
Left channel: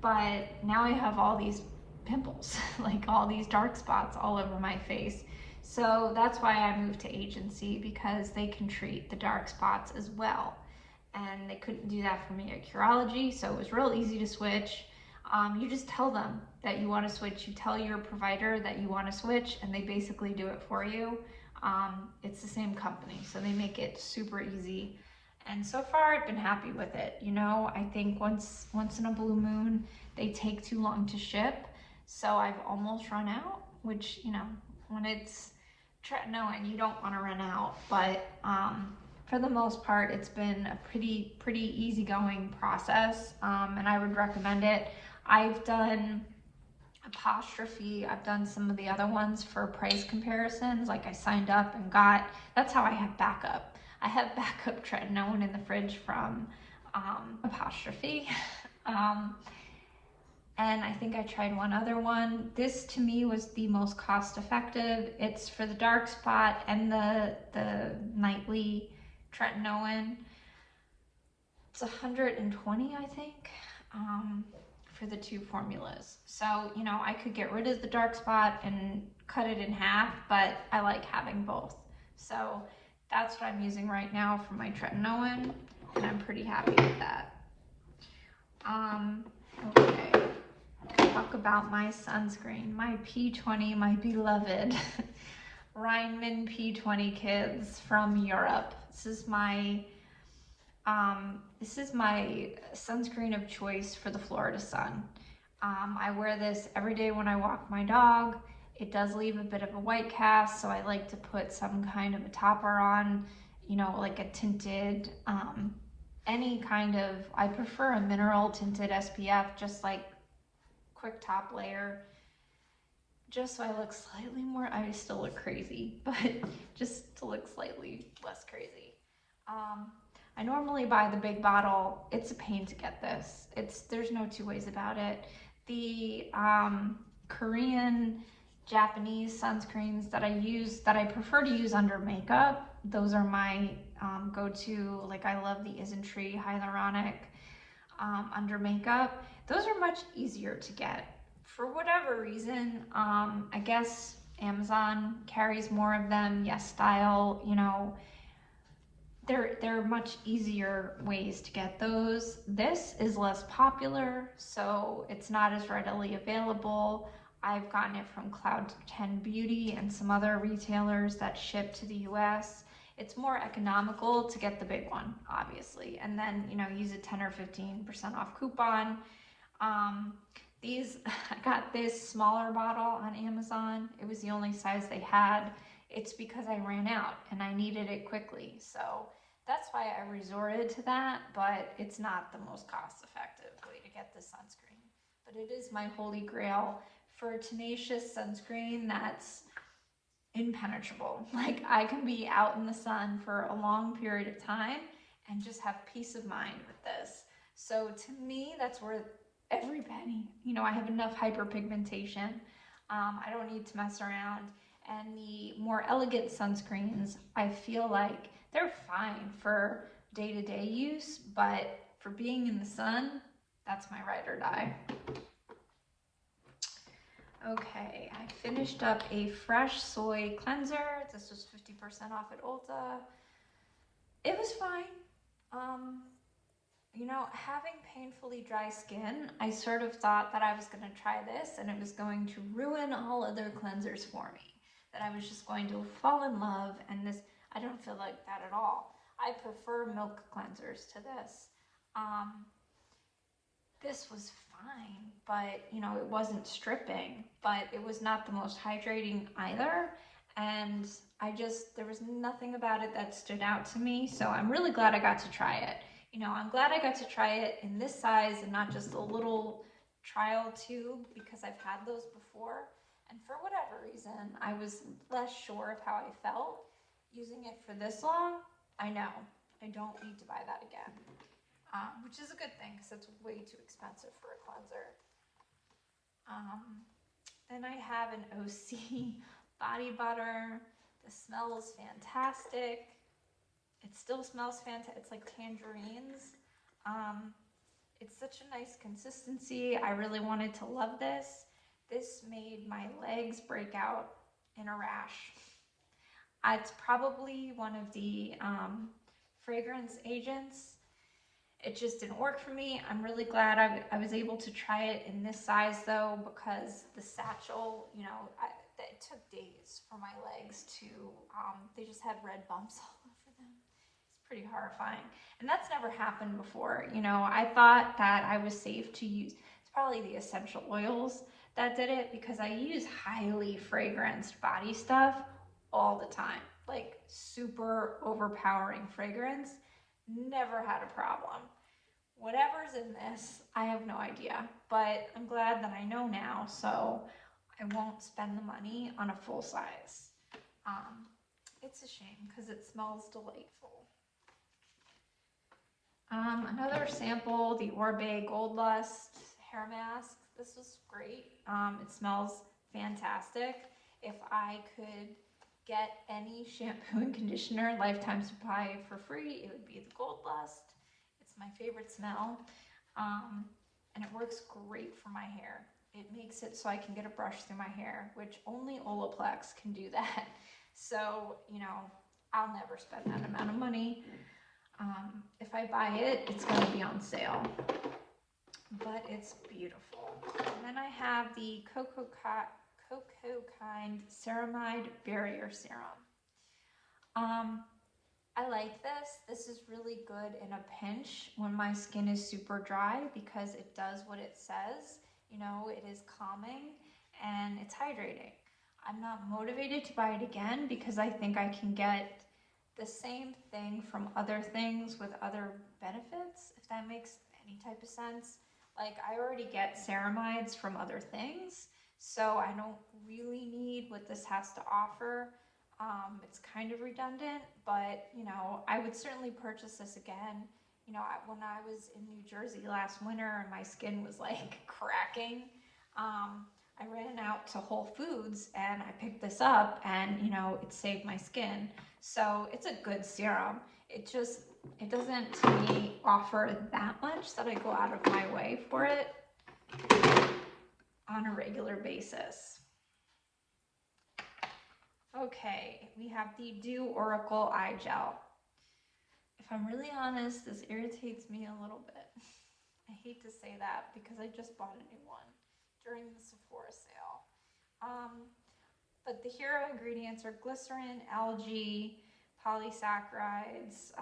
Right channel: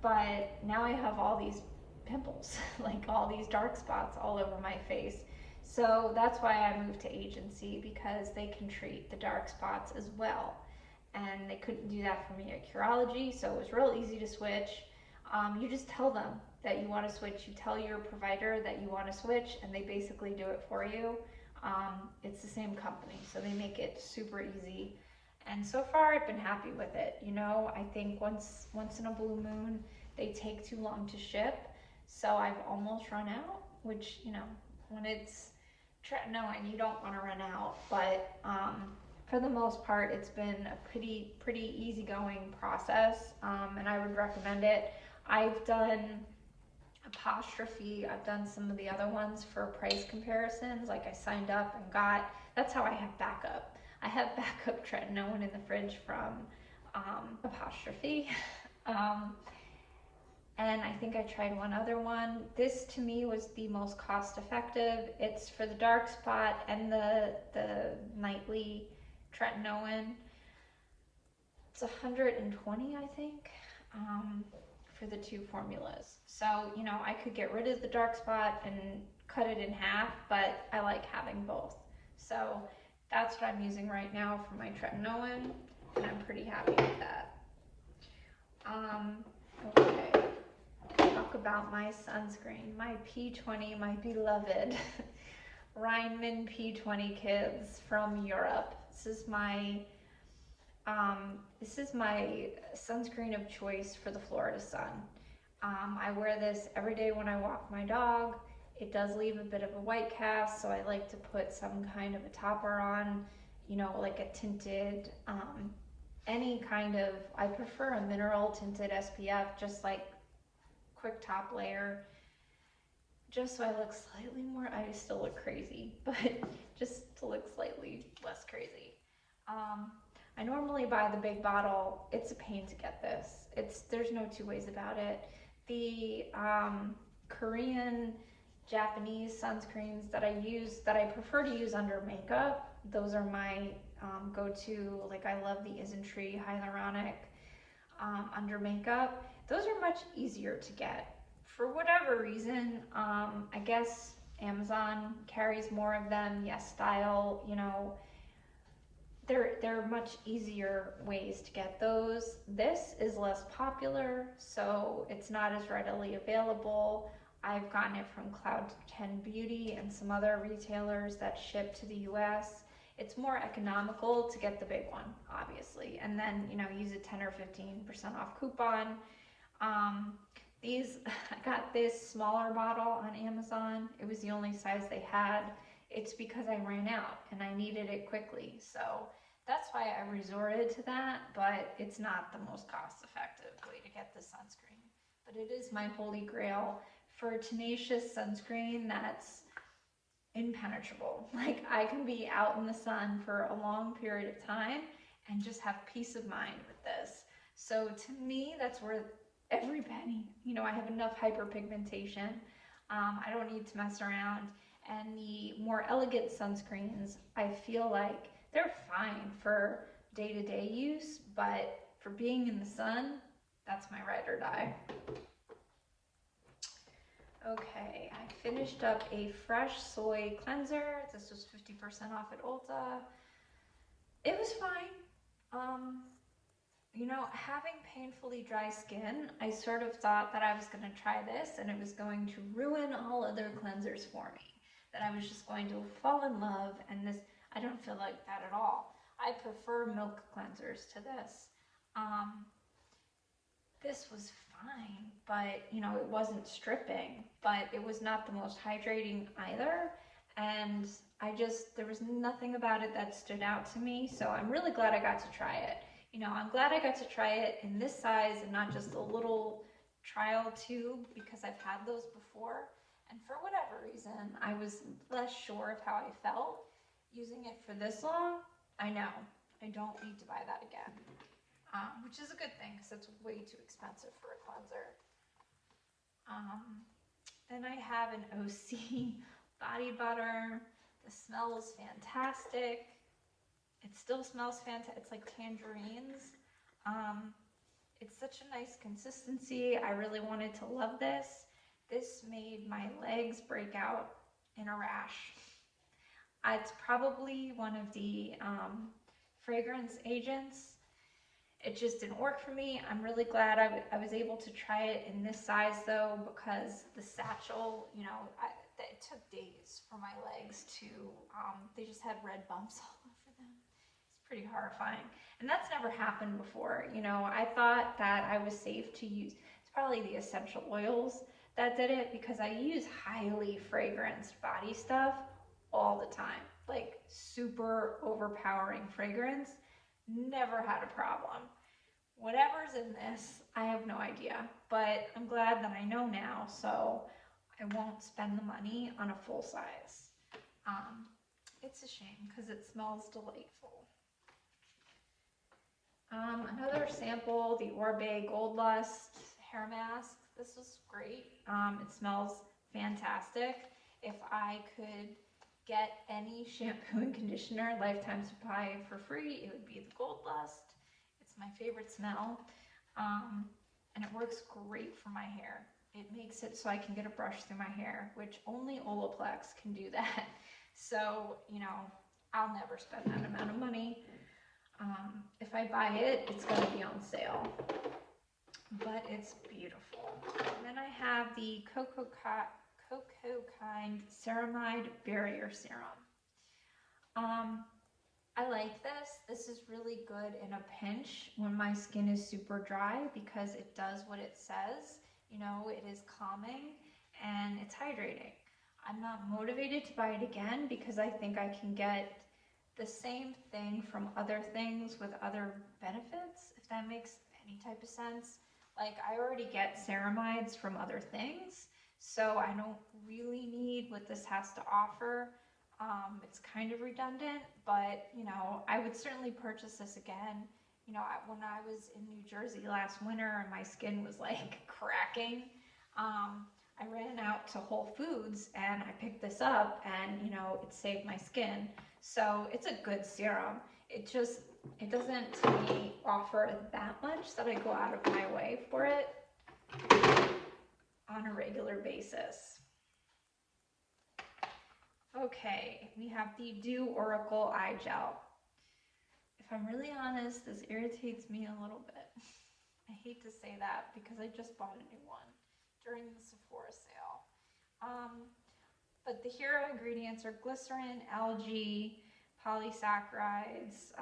but now I have all these pimples, like all these dark spots all over my face. So that's why I moved to agency, because they can treat the dark spots as well. And they couldn't do that for me at Curology, so it was real easy to switch. You just tell them that you want to switch. You tell your provider that you want to switch, and they basically do it for you. It's the same company, so they make it super easy. And so far, I've been happy with it. You know, I think once in a blue moon, they take too long to ship. So I've almost run out, which, you know, when it's tretinoin, you don't want to run out. But for the most part, it's been a pretty easygoing process, and I would recommend it. I've done Apostrophe, I've done some of the other ones for price comparisons, like I signed up and got, that's how I have backup. I have backup tretinoin in the fridge from Apostrophe. And I think I tried one other one. This to me was the most cost effective. It's for the dark spot and the nightly tretinoin. It's 120, I think, for the two formulas. So, you know, I could get rid of the dark spot and cut it in half, but I like having both. So that's what I'm using right now for my tretinoin, and I'm pretty happy with that. Okay, talk about my sunscreen, my P20, my beloved Rheinman P20 Kids from Europe. This is my sunscreen of choice for the Florida sun. I wear this every day when I walk my dog. It does leave a bit of a white cast, so I like to put some kind of a topper on, you know, like a tinted, any kind of, I prefer a mineral tinted SPF, just like quick top layer, just so I look slightly more, I still look crazy, but just to look slightly less crazy. I normally buy the big bottle. It's a pain to get this. There's no two ways about it. The Korean, Japanese sunscreens that I prefer to use under makeup, those are my go-to. Like, I love the Isntree hyaluronic under makeup. Those are much easier to get. For whatever reason, I guess Amazon carries more of them. Yes Style, you know, they're much easier ways to get those. This is less popular, so it's not as readily available. I've gotten it from COQ10 Beauty and some other retailers that ship to the US. It's more economical to get the big one, obviously, and then, you know, use a 10 or 15% off coupon. I got this smaller bottle on Amazon. It was the only size they had. It's because I ran out and I needed it quickly. So that's why I resorted to that, but it's not the most cost-effective way to get the sunscreen. But it is my holy grail for tenacious sunscreen that's impenetrable. Like, I can be out in the sun for a long period of time and just have peace of mind with this. So to me, that's worth every penny. You know, I have enough hyperpigmentation. I don't need to mess around. And the more elegant sunscreens, I feel like they're fine for day-to-day use, but for being in the sun, that's my ride or die. Okay, I finished up a fresh soy cleanser. This was 50% off at Ulta. It was fine. You know, having painfully dry skin, I sort of thought that I was going to try this and it was going to ruin all other cleansers for me. That I was just going to fall in love, and this, I don't feel like that at all. I prefer milk cleansers to this. This was fine, but, you know, it wasn't stripping, but it was not the most hydrating either. And there was nothing about it that stood out to me. So I'm really glad I got to try it. You know, I'm glad I got to try it in this size and not just a little trial tube, because I've had those before And for whatever reason, I was less sure of how I felt using it for this long. I know, I don't need to buy that again, which is a good thing because it's way too expensive for a cleanser. Then I have an OC body butter. The smell is fantastic. It still smells fantastic. It's like tangerines. It's such a nice consistency. I really wanted to love this. This made my legs break out in a rash. It's probably one of the fragrance agents. It just didn't work for me. I'm really glad I was able to try it in this size though, because the satchel, you know, it took days for my legs to, they just had red bumps all over them. It's pretty horrifying. And that's never happened before. You know, I thought that I was safe to use, it's probably the essential oils that did it, because I use highly fragranced body stuff all the time, like super overpowering fragrance. Never had a problem. Whatever's in this, I have no idea, but I'm glad that I know now, so I won't spend the money on a full size. It's a shame because it smells delightful. Another sample, the Oribe Gold Lust hair mask. This is great. It smells fantastic. If I could get any shampoo and conditioner lifetime supply for free, it would be the Gold Lust. It's my favorite smell, and it works great for my hair. It makes it so I can get a brush through my hair, which only Olaplex can do that. So, you know, I'll never spend that amount of money. If I buy it, it's going to be on sale, but it's beautiful. And then I have the Cocokind Ceramide Barrier Serum. I like this. This is really good in a pinch when my skin is super dry, because it does what it says. You know, it is calming and it's hydrating. I'm not motivated to buy it again because I think I can get the same thing from other things with other benefits, if that makes any type of sense. Like, I already get ceramides from other things, so I don't really need what this has to offer. It's kind of redundant, but you know, I would certainly purchase this again. You know, when I was in New Jersey last winter and my skin was like cracking, I ran out to Whole Foods and I picked this up, and you know, it saved my skin. So it's a good serum. It doesn't to me offer that much that I go out of my way for it on a regular basis. Okay, we have the Dieux Oracle Eye Gel. If I'm really honest, this irritates me a little bit. I hate to say that because I just bought a new one during the Sephora sale. But the hero ingredients are glycerin, algae, polysaccharides,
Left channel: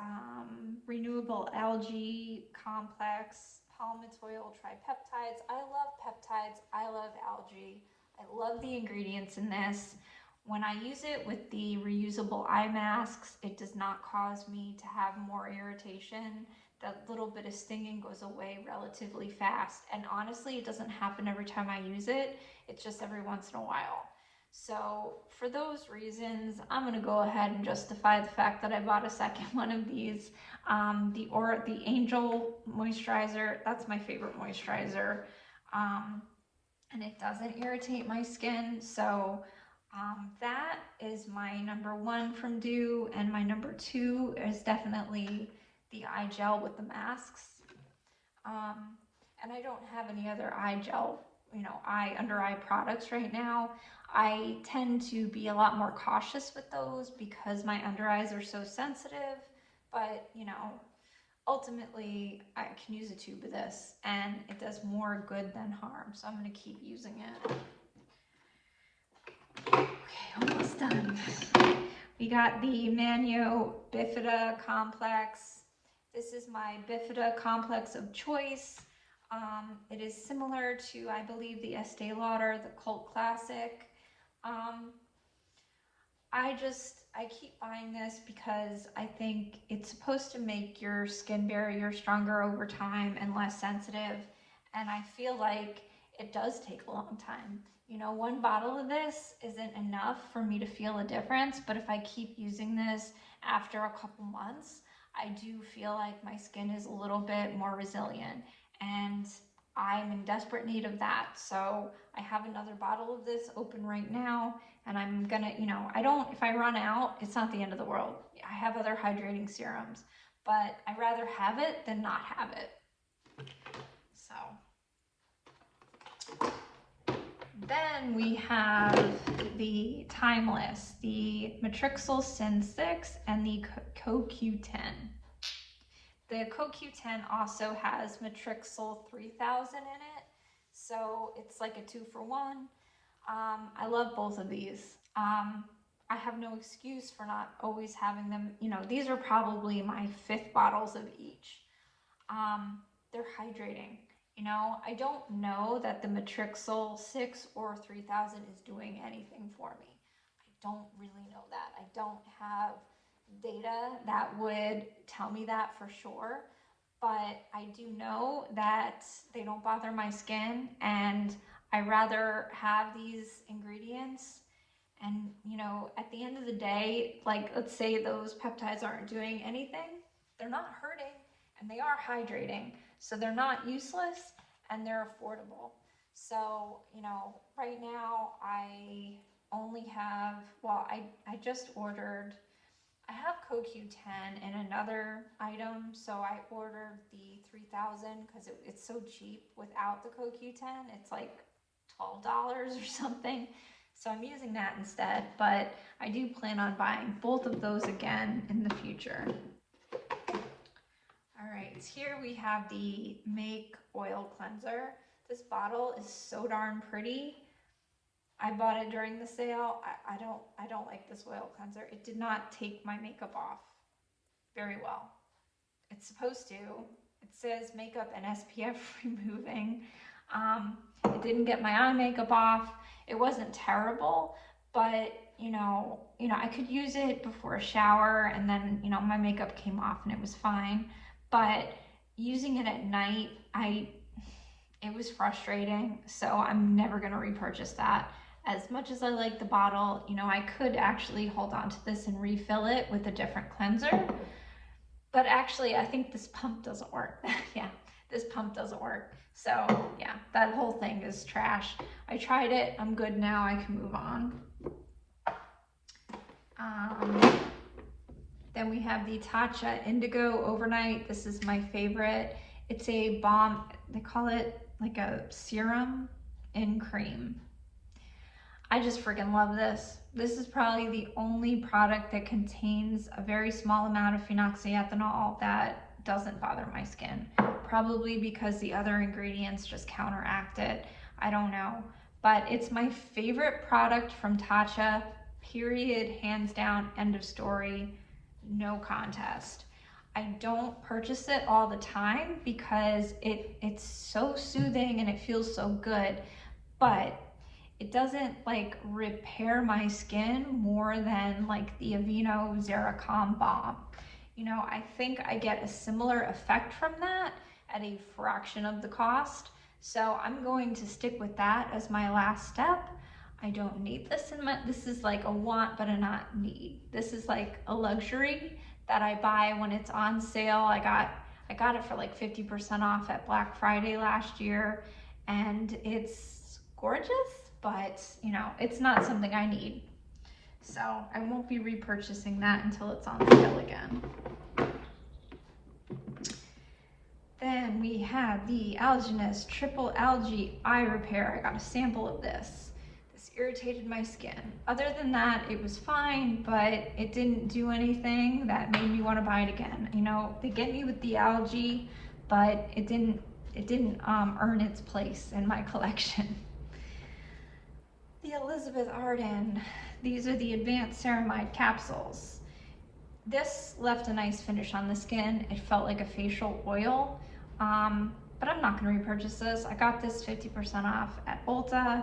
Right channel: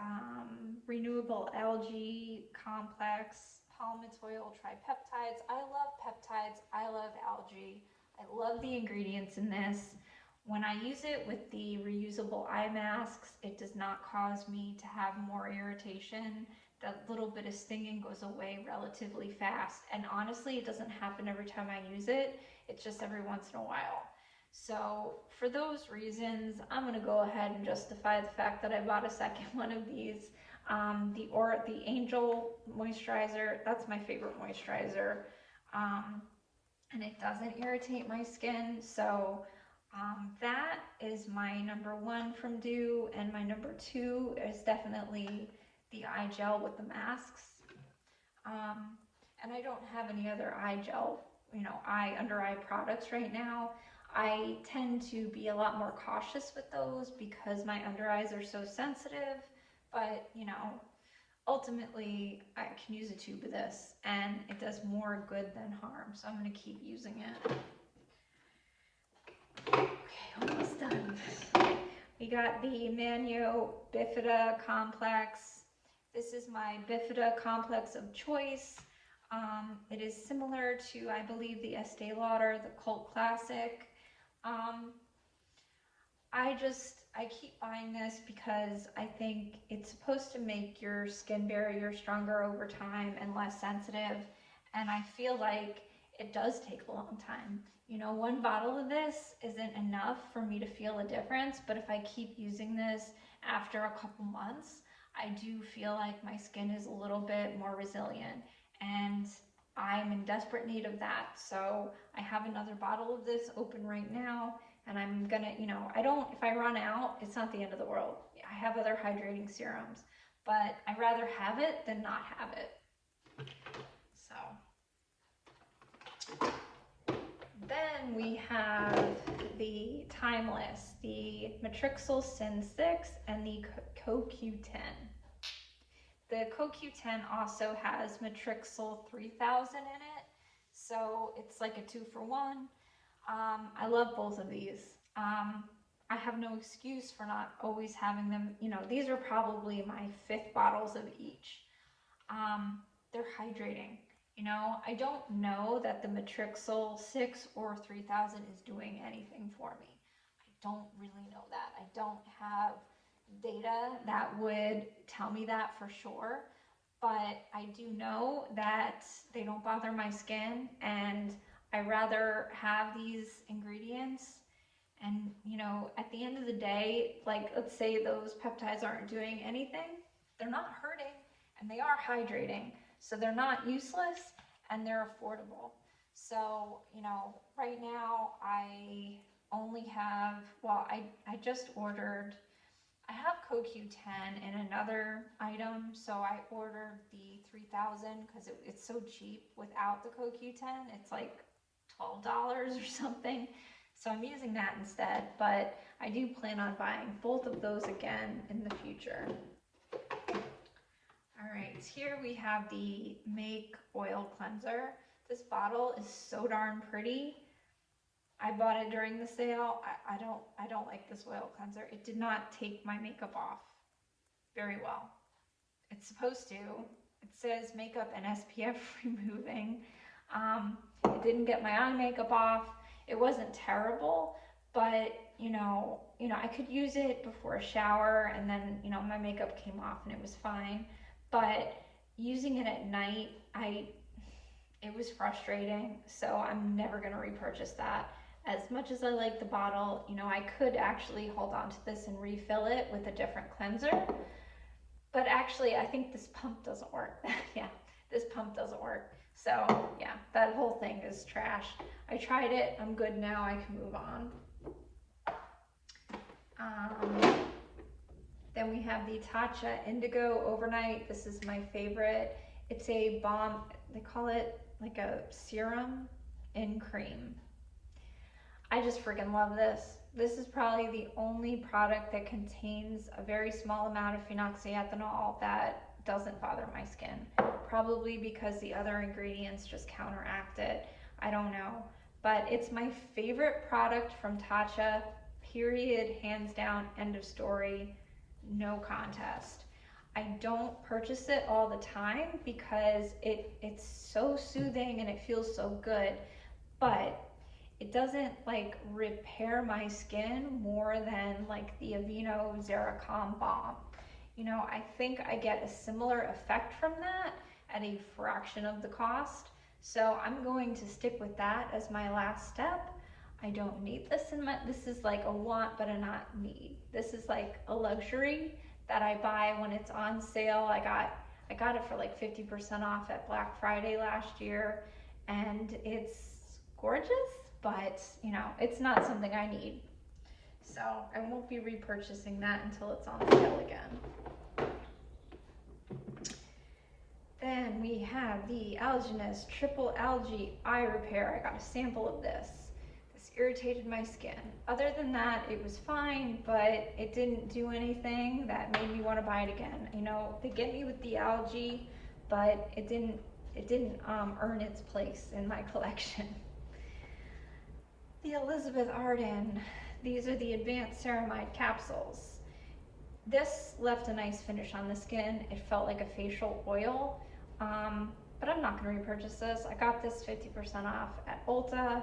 renewable algae complex, palmitoyl tripeptides. I love peptides. I love algae. I love the ingredients in this. When I use it with the reusable eye masks, it does not cause me to have more irritation. That little bit of stinging goes away relatively fast. And honestly, it doesn't happen every time I use it. It's just every once in a while. So for those reasons, I'm gonna go ahead and justify the fact that I bought a second one of these. The Angel moisturizer, that's my favorite moisturizer. And it doesn't irritate my skin. So that is my number one from Dieux, and my number two is definitely the eye gel with the masks. And I don't have any other eye gel, you know, under eye products right now. I tend to be a lot more cautious with those because my under eyes are so sensitive, but you know, ultimately I can use a tube of this and it does more good than harm, so I'm going to keep using it. Okay, almost done. We got the Manyo Bifida Complex. This is my Bifida Complex of choice. It is similar to, I believe, the Estee Lauder, the cult classic. I keep buying this because I think it's supposed to make your skin barrier stronger over time and less sensitive. And I feel like it does take a long time. You know, one bottle of this isn't enough for me to feel a difference, but if I keep using this after a couple months, I do feel like my skin is a little bit more resilient, and I'm in desperate need of that. So I have another bottle of this open right now, and I'm gonna, you know, if I run out, it's not the end of the world. I have other hydrating serums, but I'd rather have it than not have it. So then we have the Timeless, the Matrixly Sin 6 and the COQ10. The COQ10 also has Matrixly 3000 in it, so it's like a 2-for-1. I love both of these. I have no excuse for not always having them. You know, these are probably my 5th bottles of each. They're hydrating. You know, I don't know that the Matrixly 6 or 3000 is doing anything for me. I don't really know that. I don't have data that would tell me that for sure, but I do know that they don't bother my skin, and I rather have these ingredients. And, you know, at the end of the day, like, let's say those peptides aren't doing anything, they're not hurting, and they are hydrating. So they're not useless, and they're affordable. So, you know, right now I only have, well, I just ordered, I have COQ10 in another item, so I ordered the 3000 because it's so cheap without the COQ10. It's like $12 or something. So I'm using that instead, but I do plan on buying both of those again in the future. All right, here we have the Make Oil Cleanser. This bottle is so darn pretty. I bought it during the sale. I don't like this oil cleanser. It did not take my makeup off very well. It's supposed to. It says makeup and SPF removing. It didn't get my eye makeup off. It wasn't terrible, but you know, I could use it before a shower, and then, you know, my makeup came off and it was fine. But using it at night, it was frustrating. So I'm never gonna repurchase that. As much as I like the bottle, you know, I could actually hold on to this and refill it with a different cleanser. But actually, I think this pump doesn't work. Yeah, this pump doesn't work. So yeah, that whole thing is trash. I tried it, I'm good now, I can move on. Then we have the Tatcha Indigo Overnight. This is my favorite. It's a balm, they call it like a serum in cream. I just freaking love this. This is probably the only product that contains a very small amount of phenoxyethanol that doesn't bother my skin. Probably because the other ingredients just counteract it. I don't know. But it's my favorite product from Tatcha, period, hands down, end of story, no contest. I don't purchase it all the time because it's so soothing and it feels so good, but it doesn't like repair my skin more than like the Avene Zeracom balm. You know, I think I get a similar effect from that at a fraction of the cost. So I'm going to stick with that as my last step. I don't need this this is like a want but a not need. This is like a luxury that I buy when it's on sale. I got it for like 50% off at Black Friday last year, and it's gorgeous, but you know, it's not something I need. So I won't be repurchasing that until it's on sale again. Then we have the Algenist Triple Algae Eye Repair. I got a sample of this. This irritated my skin. Other than that, it was fine, but it didn't do anything that made me want to buy it again. You know, they get me with the algae, but it didn't earn its place in my collection. The Elizabeth Arden. These are the Advanced Ceramide Capsules. This left a nice finish on the skin. It felt like a facial oil. But I'm not going to repurchase this. I got this 50% off at Ulta.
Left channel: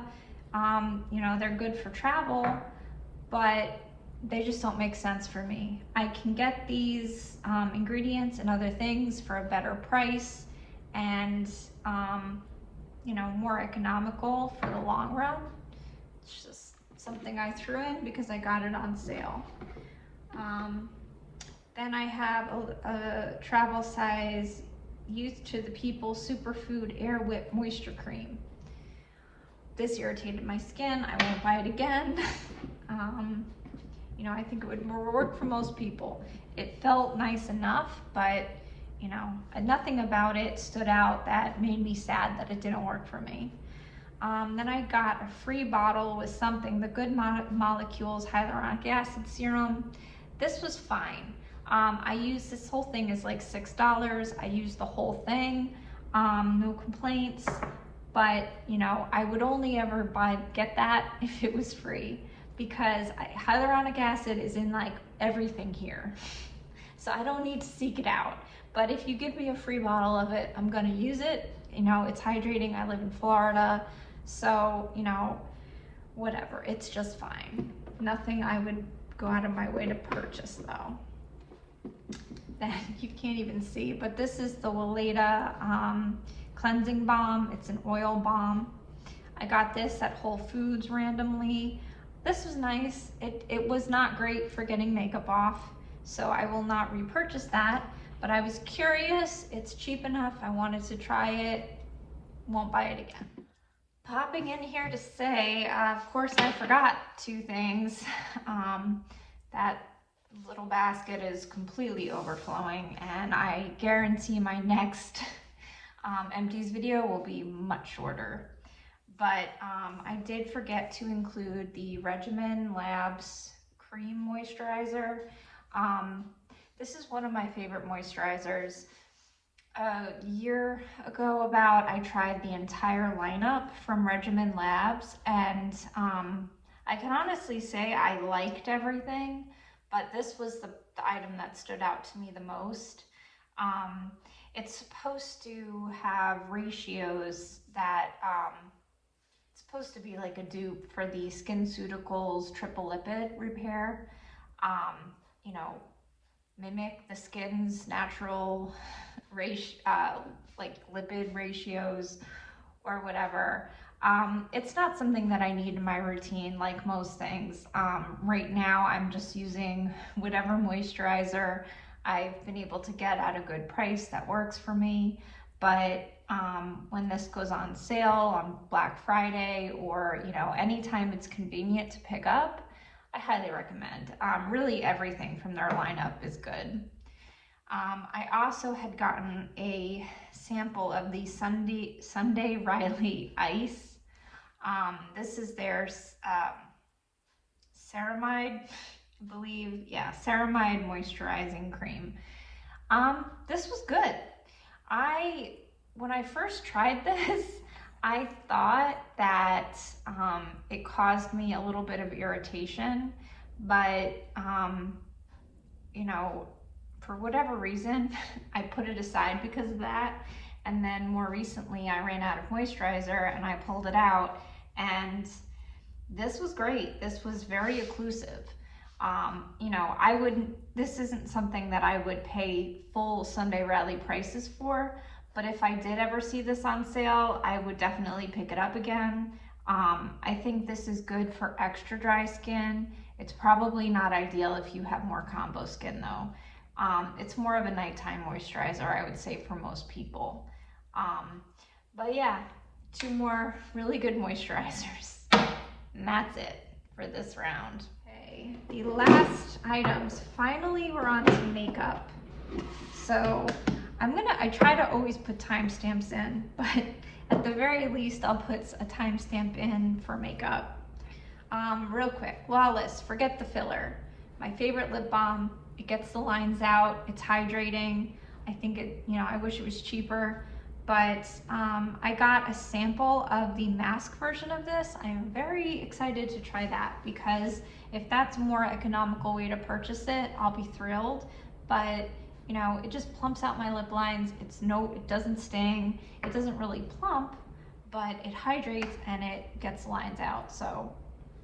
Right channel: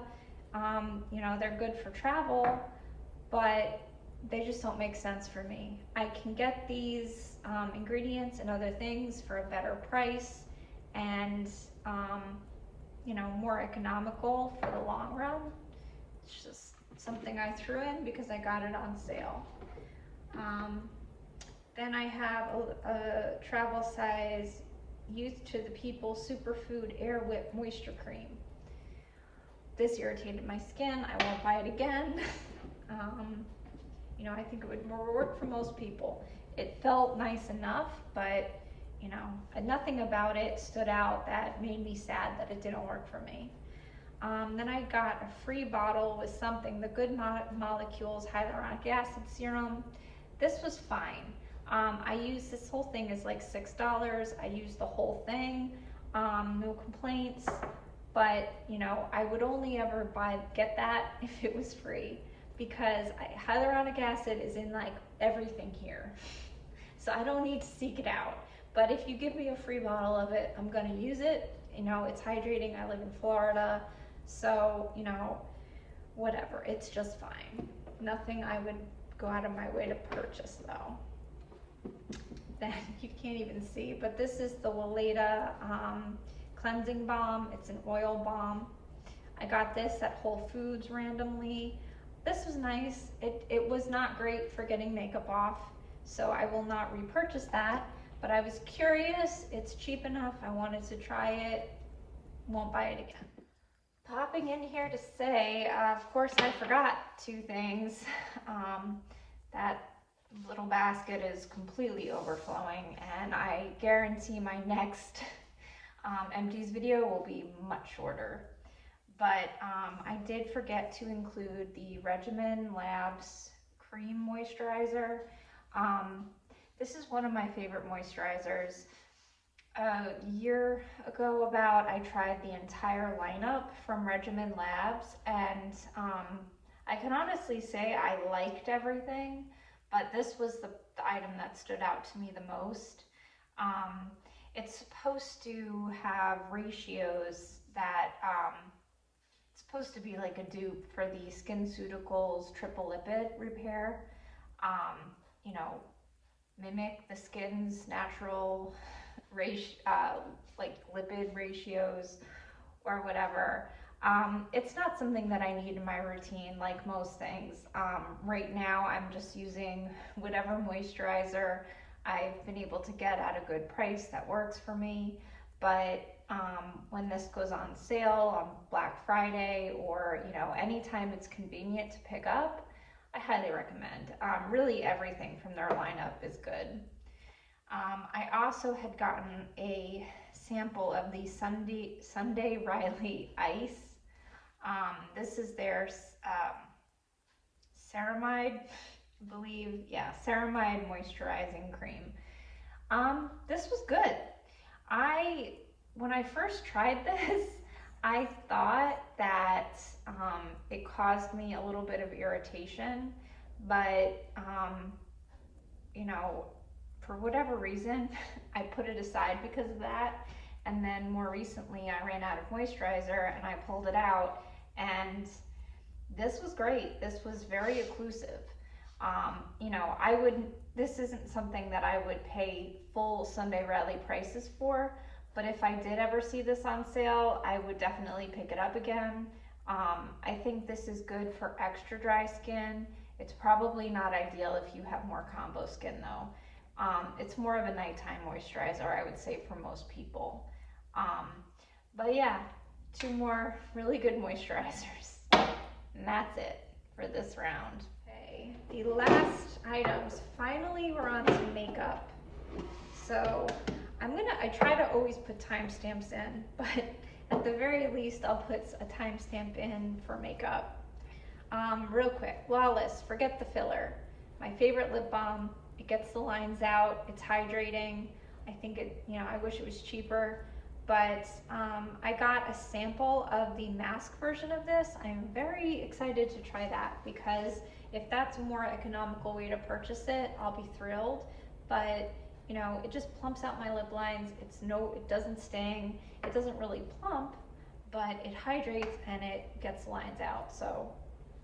You know, they're good for travel, but they just don't make sense for me. I can get these ingredients and other things for a better price and, you know, more economical for the long run. It's just something I threw in because I got it on sale. Then I have a travel size Youth to the People Superfood Air Whip Moisture Cream. This irritated my skin. I won't buy it again. You know, I think it would work for most people. It felt nice enough, but you know, nothing about it stood out that made me sad that it didn't work for me. Then I got a free bottle with something, the Good Molecules Hyaluronic Acid Serum. This was fine. I used, this whole thing is like $6. I used the whole thing, no complaints, but you know, I would only ever get that if it was free, because hyaluronic acid is in like everything here. So I don't need to seek it out. But if you give me a free bottle of it, I'm gonna use it. You know, it's hydrating. I live in Florida, so you know, whatever, it's just fine. Nothing I would go out of my way to purchase though. Then you can't even see, but this is the Weleda cleansing balm. It's an oil balm. I got this at Whole Foods randomly. This was nice. It was not great for getting makeup off, so I will not repurchase that, but I was curious. It's cheap enough. I wanted to try it. Won't buy it again. Popping in here to say, of course I forgot two things. That little basket is completely overflowing, and I guarantee my next empties video will be much shorter. But I did forget to include the Regimen Labs Cream Moisturizer. This is one of my favorite moisturizers. A year ago I tried the entire lineup from Regimen Labs, and I can honestly say I liked everything, but this was the item that stood out to me the most. It's supposed to have ratios that, it's supposed to be like a dupe for the SkinCeuticals Triple Lipid Repair. You know, mimic the skin's natural like lipid ratios or whatever. It's not something that I need in my routine like most things. Right now I'm just using whatever moisturizer I've been able to get at a good price that works for me. But when this goes on sale on Black Friday, or you know, anytime it's convenient to pick up, I highly recommend. Really everything from their lineup is good. I also had gotten a sample of the Sunday Riley Ice. This is their ceramide, I believe, yeah, ceramide moisturizing cream. This was good. When I first tried this, I thought that it caused me a little bit of irritation, but you know, for whatever reason, I put it aside because of that. And then more recently, I ran out of moisturizer and I pulled it out, and this was great. This was very occlusive. You know, this isn't something that I would pay full Sunday Riley prices for, but if I did ever see this on sale, I would definitely pick it up again. I think this is good for extra dry skin. It's probably not ideal if you have more combo skin though. It's more of a nighttime moisturizer, I would say, for most people. But yeah, two more really good moisturizers. And that's it for this round. Okay, the last items. Finally, we're on to makeup. So I try to always put timestamps in, but at the very least, I'll put a timestamp in for makeup. Real quick, Flawless, forget the filler. My favorite lip balm. It gets the lines out, it's hydrating. I think I wish it was cheaper, but I got a sample of the mask version of this. I'm very excited to try that, because if that's a more economical way to purchase it, I'll be thrilled. But you know, it just plumps out my lip lines. It doesn't sting. It doesn't really plump, but it hydrates and it gets the lines out. So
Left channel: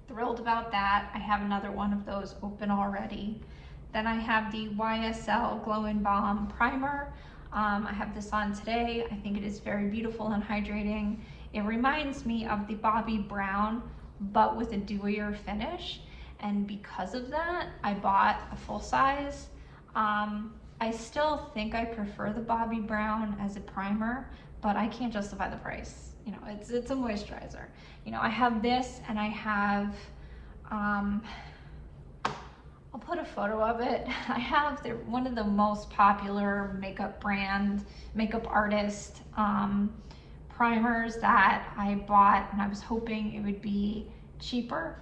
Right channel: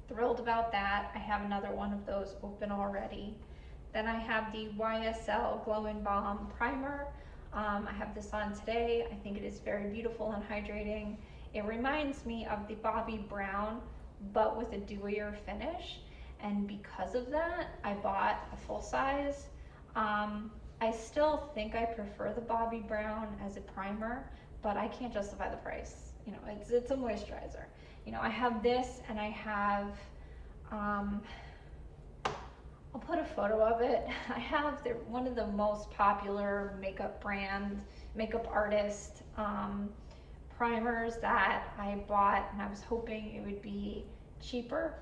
thrilled about that. I have another one of those open already. Then I have the YSL Glow and Balm Primer. I have this on today. I think it is very beautiful and hydrating. It reminds me of the Bobbi Brown but with a dewier finish. And because of that, I bought a full size. I still think I prefer the Bobbi Brown as a primer, but I can't justify the price. You know, it's a moisturizer. You know, I have this, and I have, I'll put a photo of it. I have one of the most popular makeup artist primers that I bought, and I was hoping it would be cheaper,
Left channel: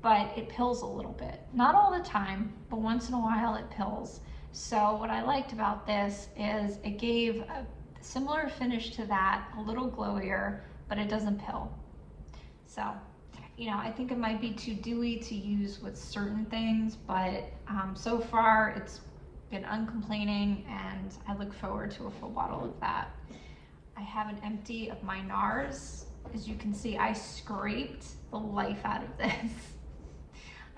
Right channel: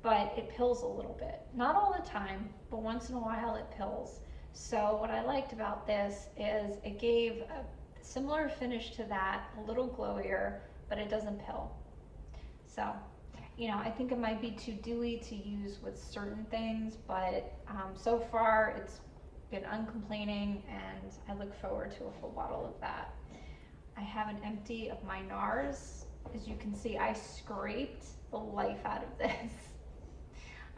but it pills a little bit. Not all the time, but once in a while it pills. So what I liked about this is it gave a similar finish to that, a little glowier, but it doesn't pill. So, you know, I think it might be too dewy to use with certain things, but so far it's been uncomplaining, and I look forward to a full bottle of that. I have an empty of my NARS. As you can see, I scraped the life out of this.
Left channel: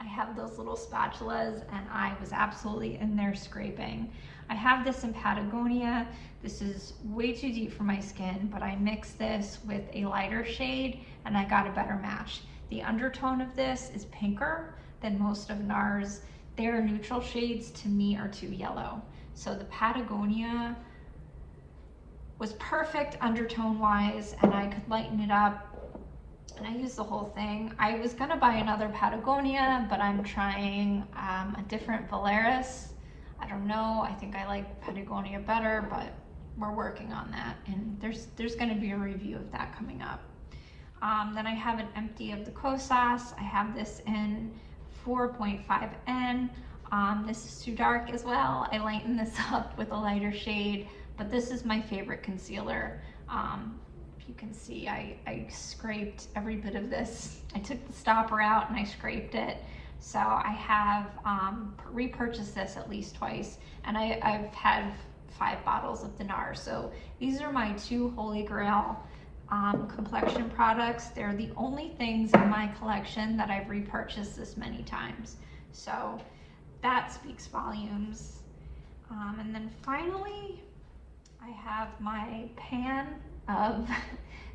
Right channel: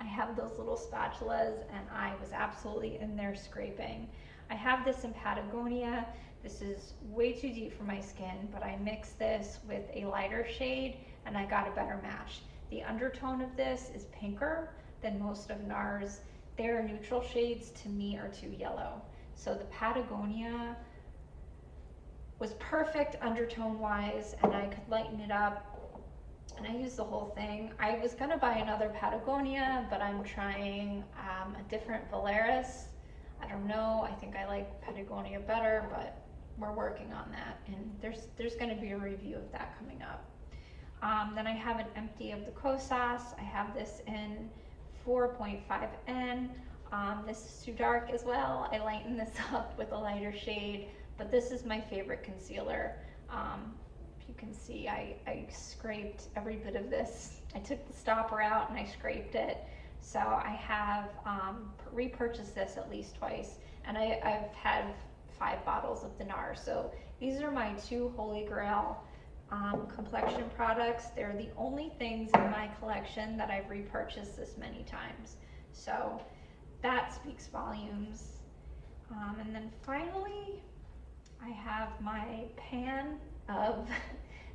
I have those little spatulas, and I was absolutely in there scraping. I have this in Patagonia. This is way too deep for my skin, but I mixed this with a lighter shade, and I got a better match. The undertone of this is pinker than most of NARS. Their neutral shades to me are too yellow. So the Patagonia was perfect undertone wise, and I could lighten it up, and I used the whole thing. I was gonna buy another Patagonia, but I'm trying a different Valeris. I don't know, I think I like Patagonia better, but we're working on that, and there's gonna be a review of that coming up. Then I have an empty of the Kosas. I have this in 4.5N. This is too dark as well. I lightened this up with a lighter shade, but this is my favorite concealer. If you can see, I scraped every bit of this. I took the stopper out and I scraped it. So I have repurchased this at least twice, and I've had 5 bottles of the NARS. So these are my 2 holy grail complexion products. They're the only things in my collection that I've repurchased this many times. So that speaks volumes. And then finally, I have my pan of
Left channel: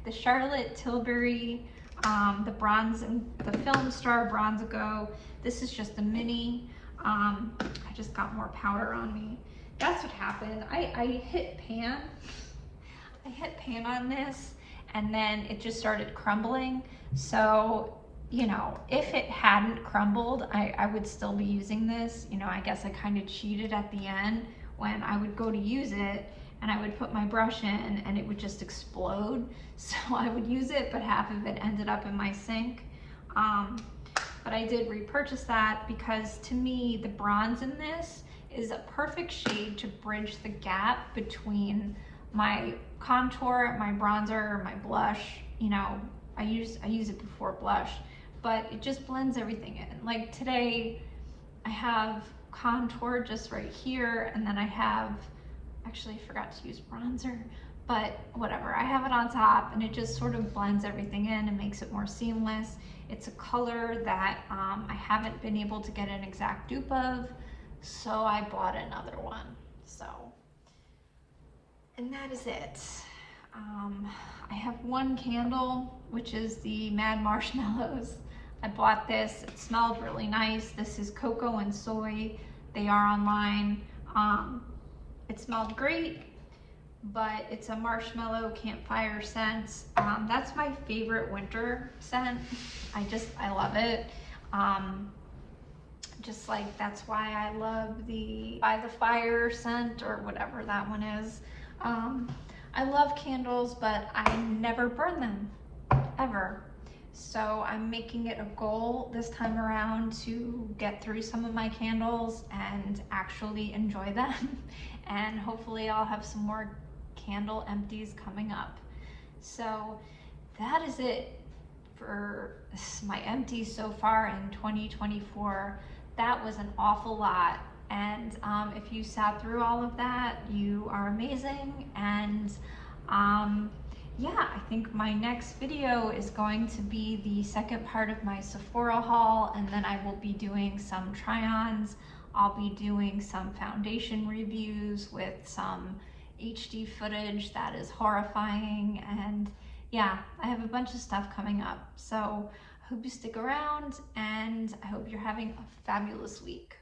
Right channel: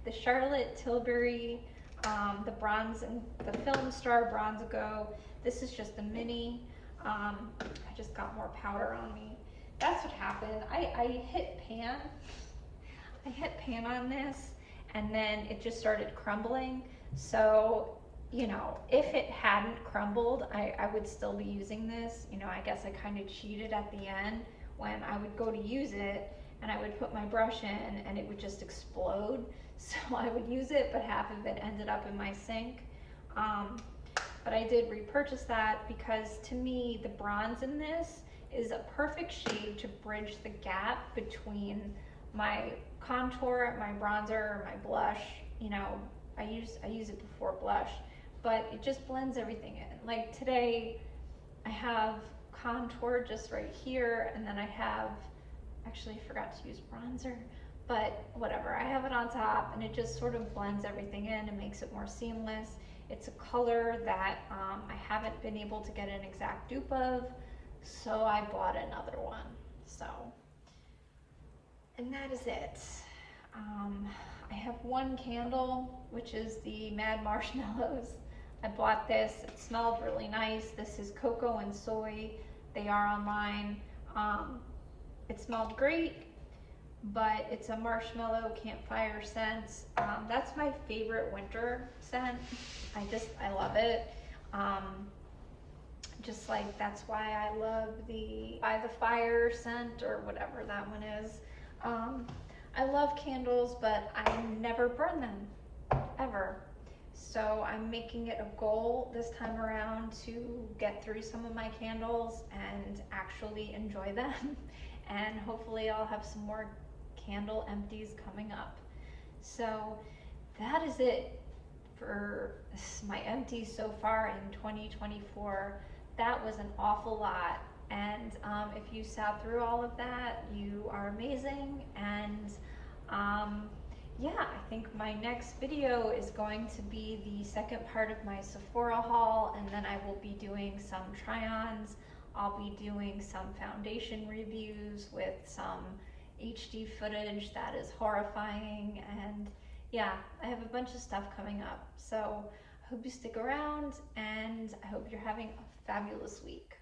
the Charlotte Tilbury, the Film Star Bronze Go. This is just a mini. I just got more powder on me. That's what happened. I hit pan. I hit pan on this, and then it just started crumbling. So, you know, if it hadn't crumbled, I would still be using this. You know, I guess I kind of cheated at the end when I would go to use it, and I would put my brush in and it would just explode. So I would use it, but half of it ended up in my sink. But I did repurchase that because to me, the bronze in this is a perfect shade to bridge the gap between my contour, my bronzer, my blush. You know, I use it before blush, but it just blends everything in. Like today, I have contour just right here, and then I have, actually I forgot to use bronzer, but whatever, I have it on top, and it just sort of blends everything in and makes it more seamless. It's a color that I haven't been able to get an exact dupe of, so I bought another one. So, and that is it. I have one candle, which is the Mad Marshmallows. I bought this, it smelled really nice. This is cocoa and soy. They are online. It smelled great, but it's a marshmallow campfire scent. That's my favorite winter scent. I love it. Just like, that's why I love the By the Fire scent, or whatever that one is. I love candles, but I never burn them, ever. So I'm making it a goal this time around to get through some of my candles and actually enjoy them. And hopefully I'll have some more candle empties coming up. So that is it for my empties so far in 2024. That was an awful lot. And if you sat through all of that, you are amazing. And yeah, I think my next video is going to be the second part of my Sephora haul, and then I will be doing some try-ons. I'll be doing some foundation reviews with some HD footage that is horrifying, and yeah, I have a bunch of stuff coming up. So hope you stick around, and I hope you're having a fabulous week.